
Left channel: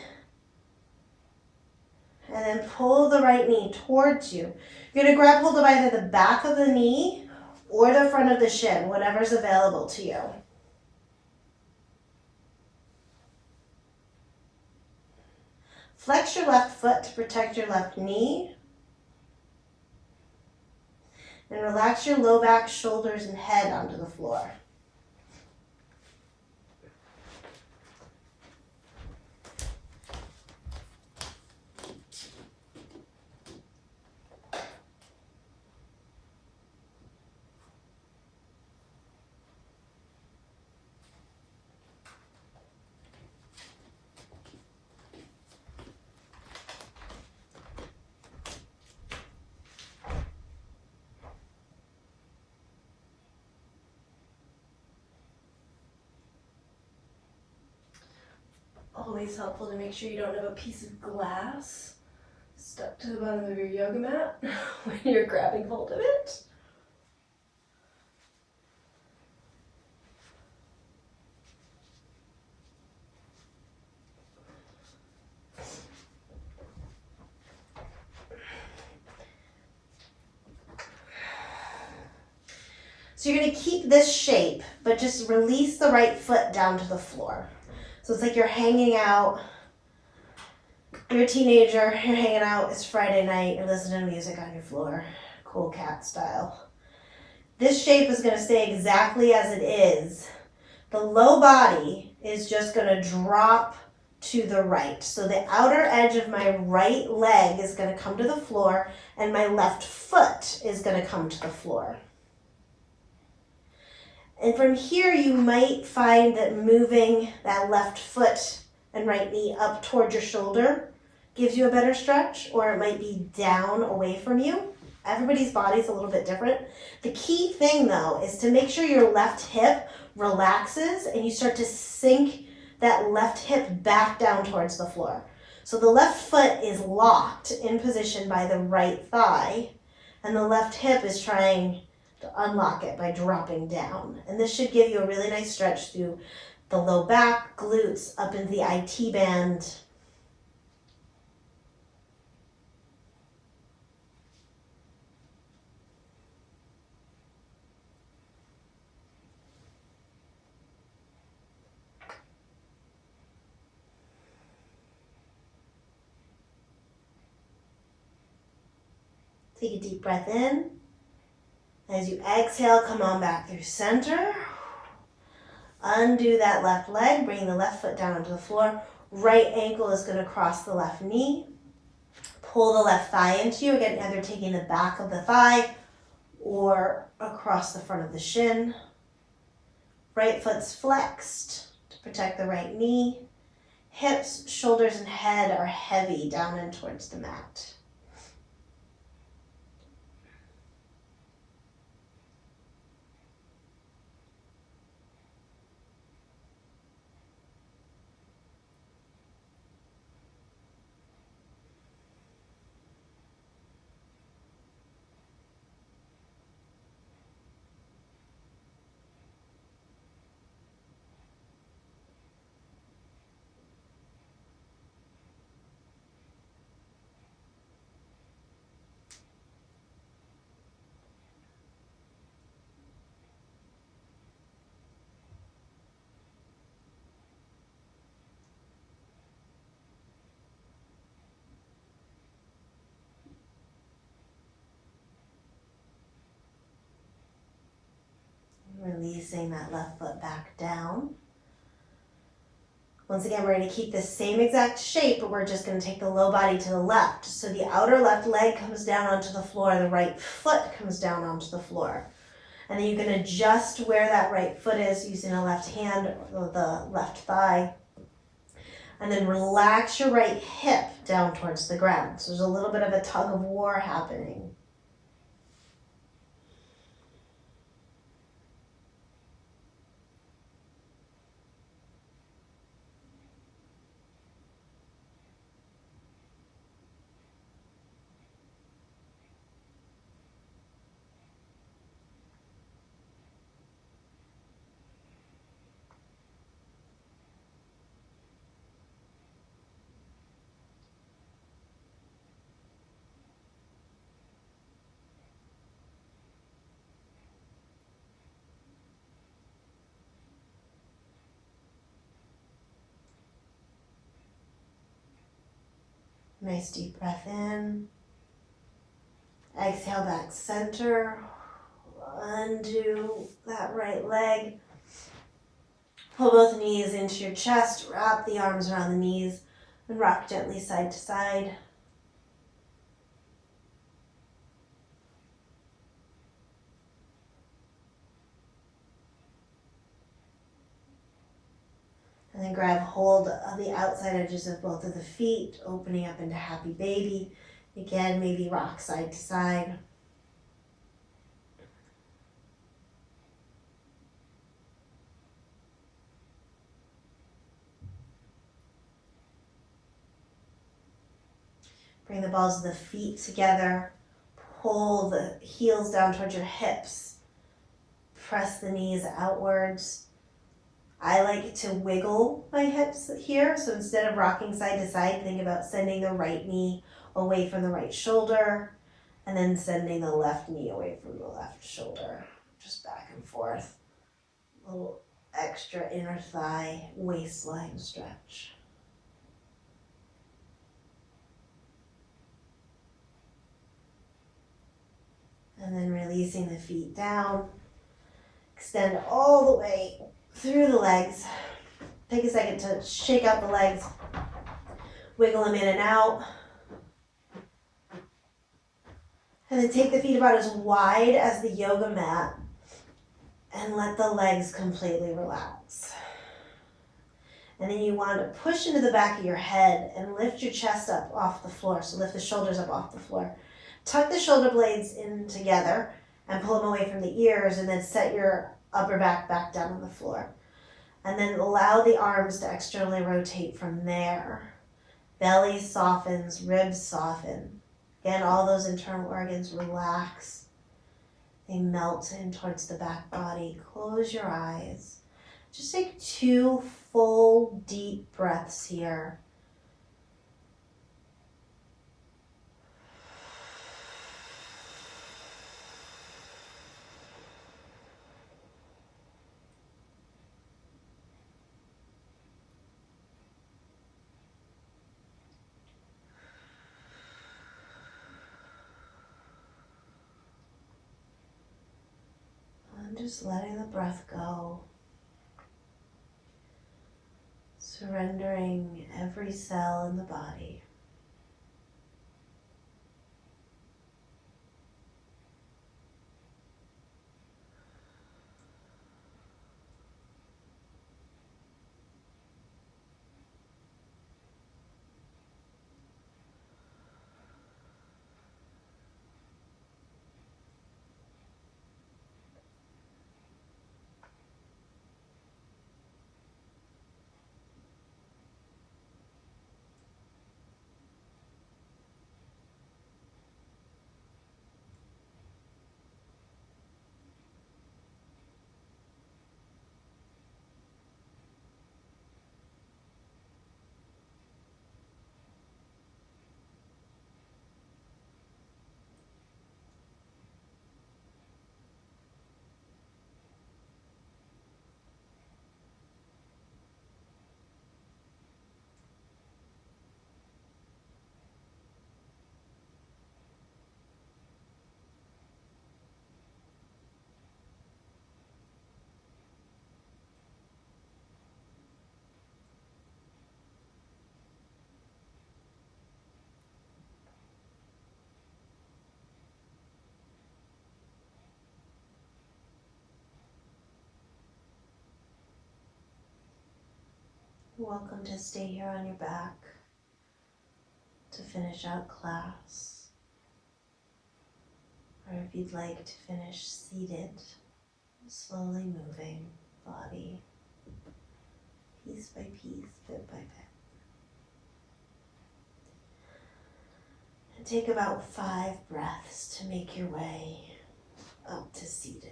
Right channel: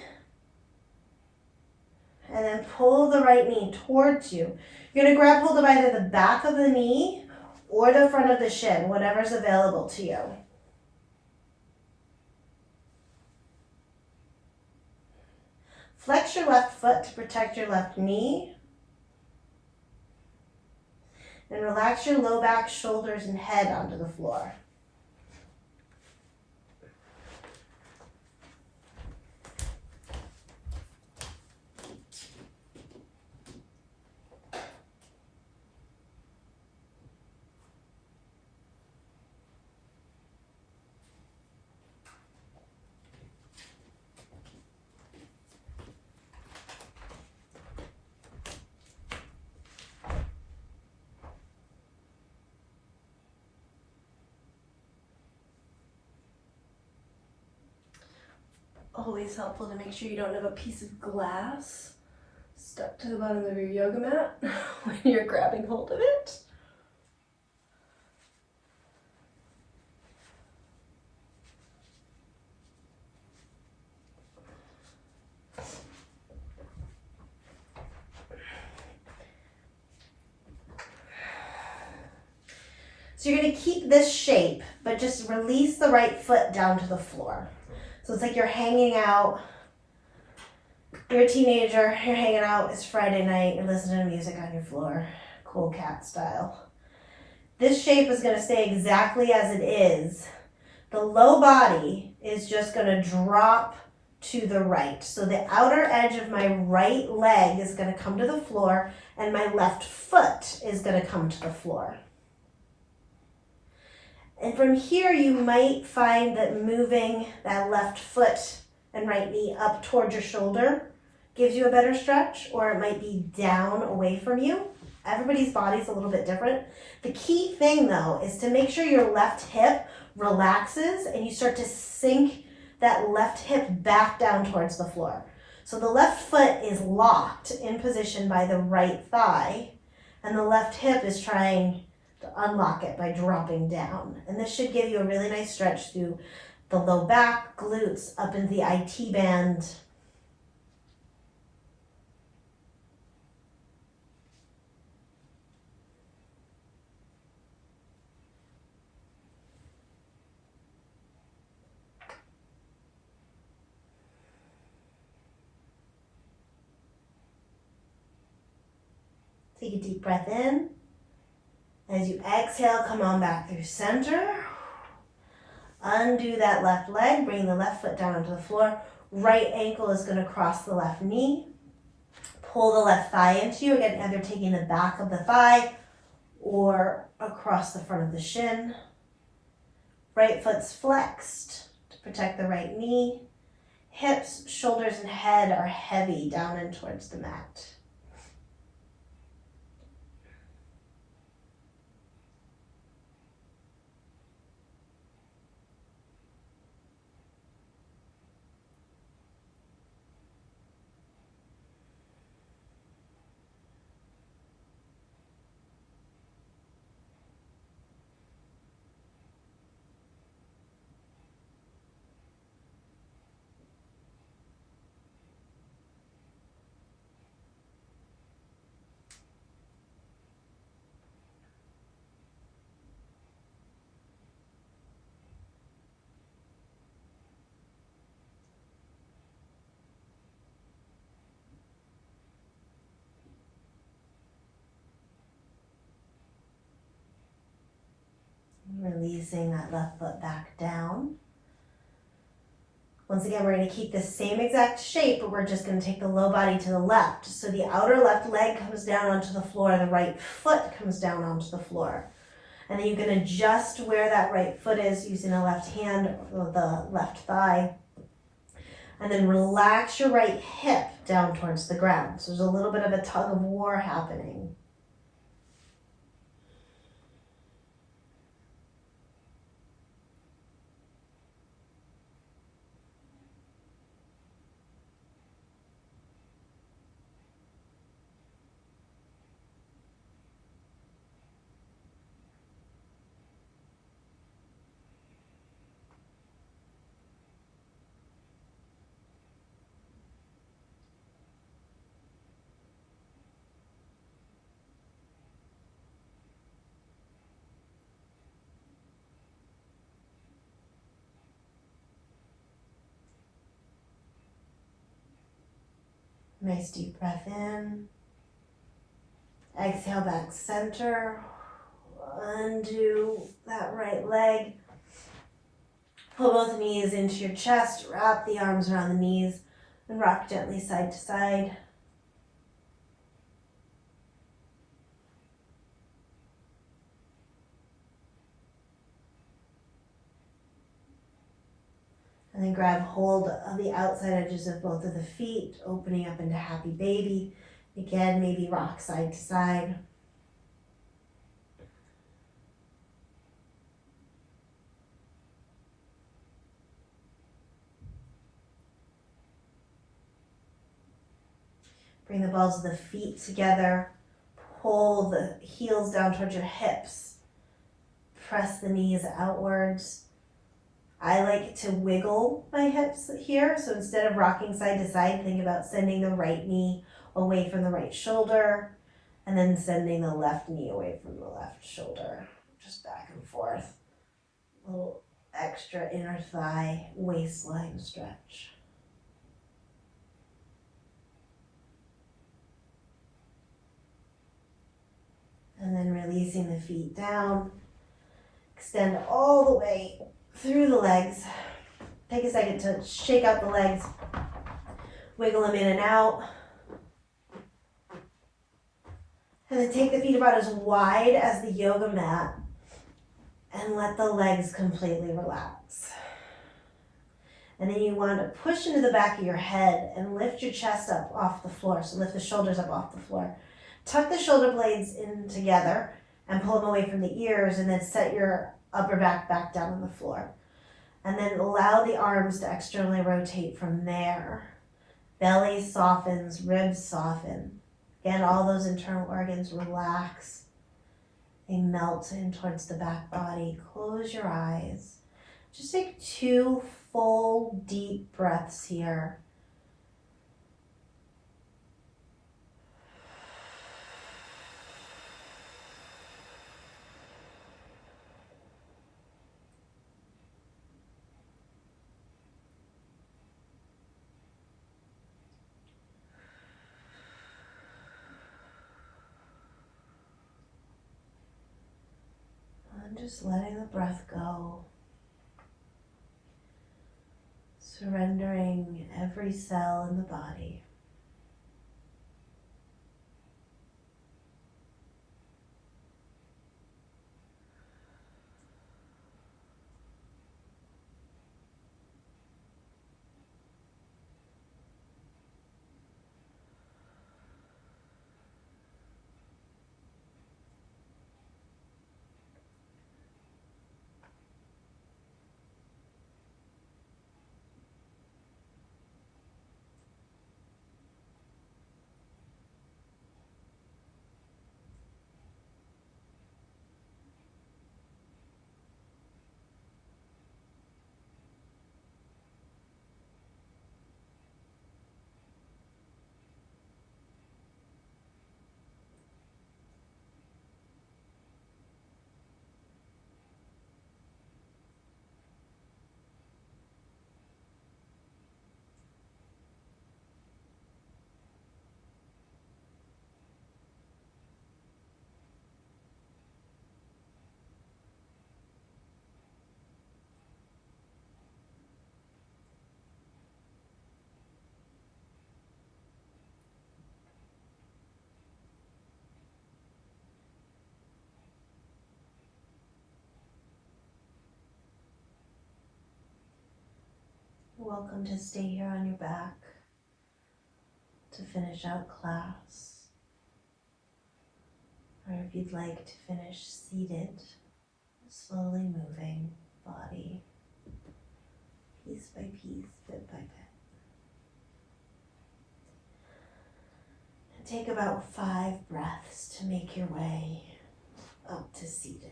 and then pull the right knee towards you. You're going to grab hold of either the back of the knee or the front of the shin, whatever's available to you. Flex your left foot to protect your left knee. And relax your low back, shoulders, and head onto the floor. Always helpful to make sure you don't have a piece of glass stuck to the bottom of your yoga mat when you're grabbing hold of it. So you're going to keep this shape, but just release the right foot down to the floor. So it's like you're hanging out, you're a teenager, you're hanging out, it's Friday night, you're listening to music on your floor, cool cat style. This shape is going to stay exactly as it is. The low body is just going to drop to the right. So the outer edge of my right leg is going to come to the floor and my left foot is going to come to the floor. And from here, you might find that moving that left foot and right knee up towards your shoulder gives you a better stretch, or it might be down away from you. Everybody's body's a little bit different. The key thing though is to make sure your left hip relaxes and you start to sink that left hip back down towards the floor. So the left foot is locked in position by the right thigh, and the left hip is trying to unlock it by dropping down. And this should give you a really nice stretch through the low back, glutes, up into the IT band. Take a deep breath in. As you exhale, come on back through center. Undo that left leg, bring the left foot down onto the floor. Right ankle is going to cross the left knee. Pull the left thigh into you. Again, either taking the back of the thigh or across the front of the shin. Right foot's flexed to protect the right knee. Hips, shoulders, and head are heavy down and towards the mat. Releasing that left foot back down. Once again, we're going to keep the same exact shape, but we're just going to take the low body to the left. So the outer left leg comes down onto the floor, the right foot comes down onto the floor. And then you can adjust where that right foot is using the left hand or the left thigh. And then relax your right hip down towards the ground. So there's a little bit of a tug of war happening. Nice deep breath in. Exhale back center. Undo that right leg. Pull both knees into your chest. Wrap the arms around the knees and rock gently side to side. And then grab hold of the outside edges of both of the feet, opening up into happy baby. Again, maybe rock side to side. Bring the balls of the feet together. Pull the heels down towards your hips. Press the knees outwards. I like to wiggle my hips here. So instead of rocking side to side, think about sending the right knee away from the right shoulder and then sending the left knee away from the left shoulder. Just back and forth. A little extra inner thigh waistline stretch. And then releasing the feet down. Extend all the way through the legs. Take a second to shake out the legs. Wiggle them in and out. And then take the feet about as wide as the yoga mat and let the legs completely relax. And then you want to push into the back of your head and lift your chest up off the floor. So lift the shoulders up off the floor. Tuck the shoulder blades in together and pull them away from the ears, and then set your upper back down on the floor. And then allow the arms to externally rotate from there. Belly softens, ribs soften. Again, all those internal organs relax. They melt in towards the back body. Close your eyes. Just take 2 full deep breaths here. And just letting the breath go. Surrendering every cell in the body. You're welcome to stay here on your back to finish out class. Or if you'd like to finish seated, slowly moving body, piece by piece, bit by bit. And take about 5 breaths to make your way up to seated.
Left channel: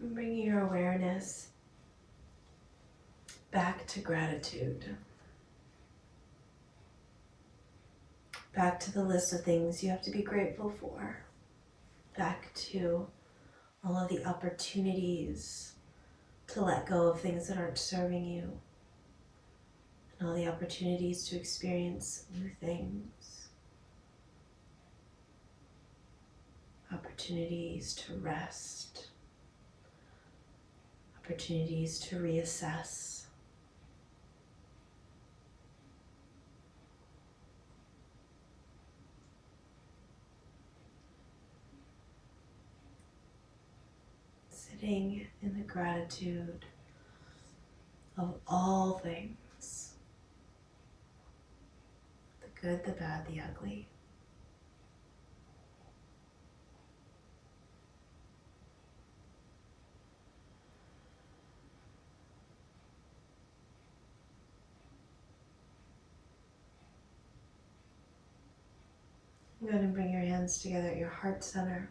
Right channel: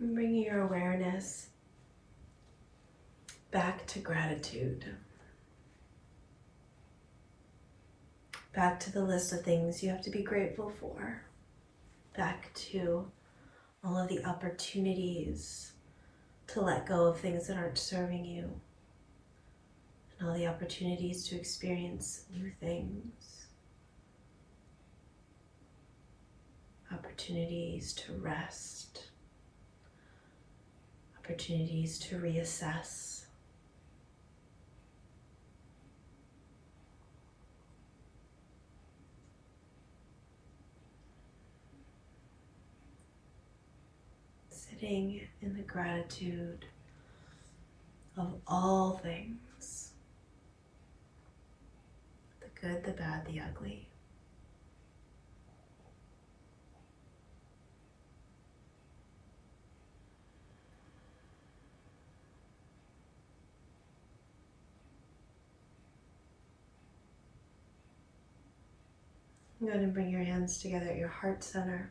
And bringing your awareness back to gratitude. Back to the list of things you have to be grateful for. Back to all of the opportunities to let go of things that aren't serving you. And all the opportunities to experience new things. Opportunities to rest. Opportunities to reassess. Sitting in the gratitude of all things. The good, the bad, the ugly. Go ahead and bring your hands together at your heart center.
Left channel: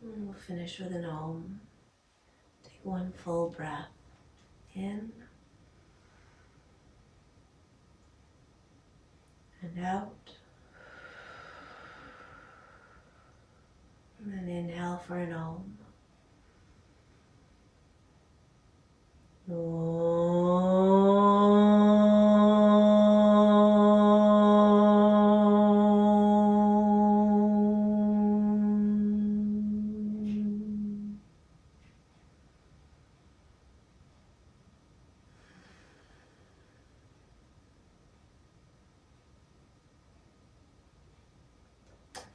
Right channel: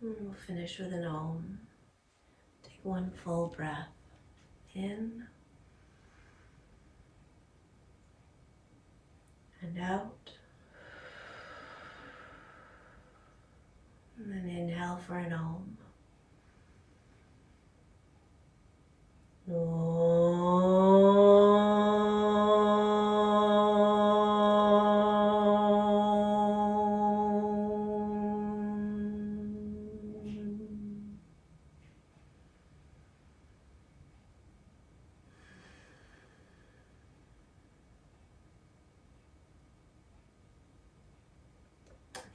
And we'll finish with an Om. one full breath in and out. And then inhale for an Om.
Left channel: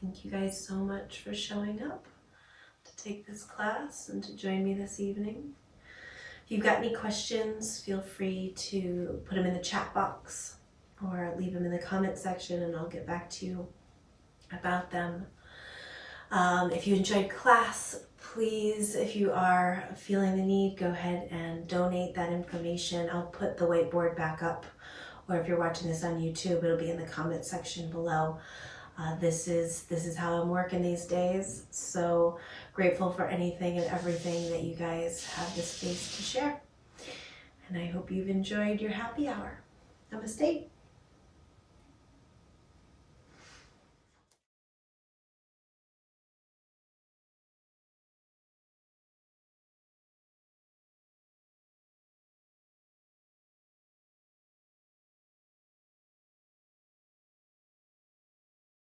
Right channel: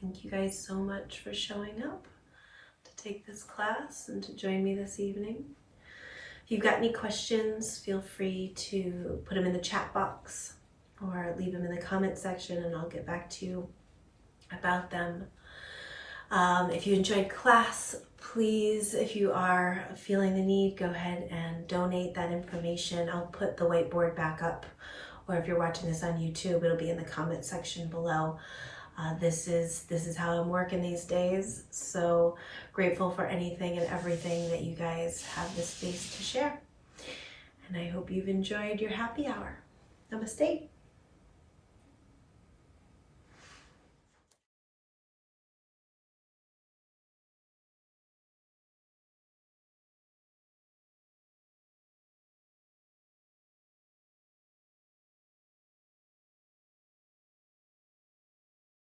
Thank you guys so much for showing up to take this class and to join me this evening. If you've got any questions, feel free to put them in the chat box or leave them in the comment section and I'll get back to you about them. If you enjoyed class, please, if you are feeling the need, go ahead and donate that information. I'll put the whiteboard back up, or if you're watching this on YouTube, it'll be in the comment section below. This is how I'm working these days. So grateful for anything and everything that you guys have the space to share. And I hope you've enjoyed your happy hour. Namaste.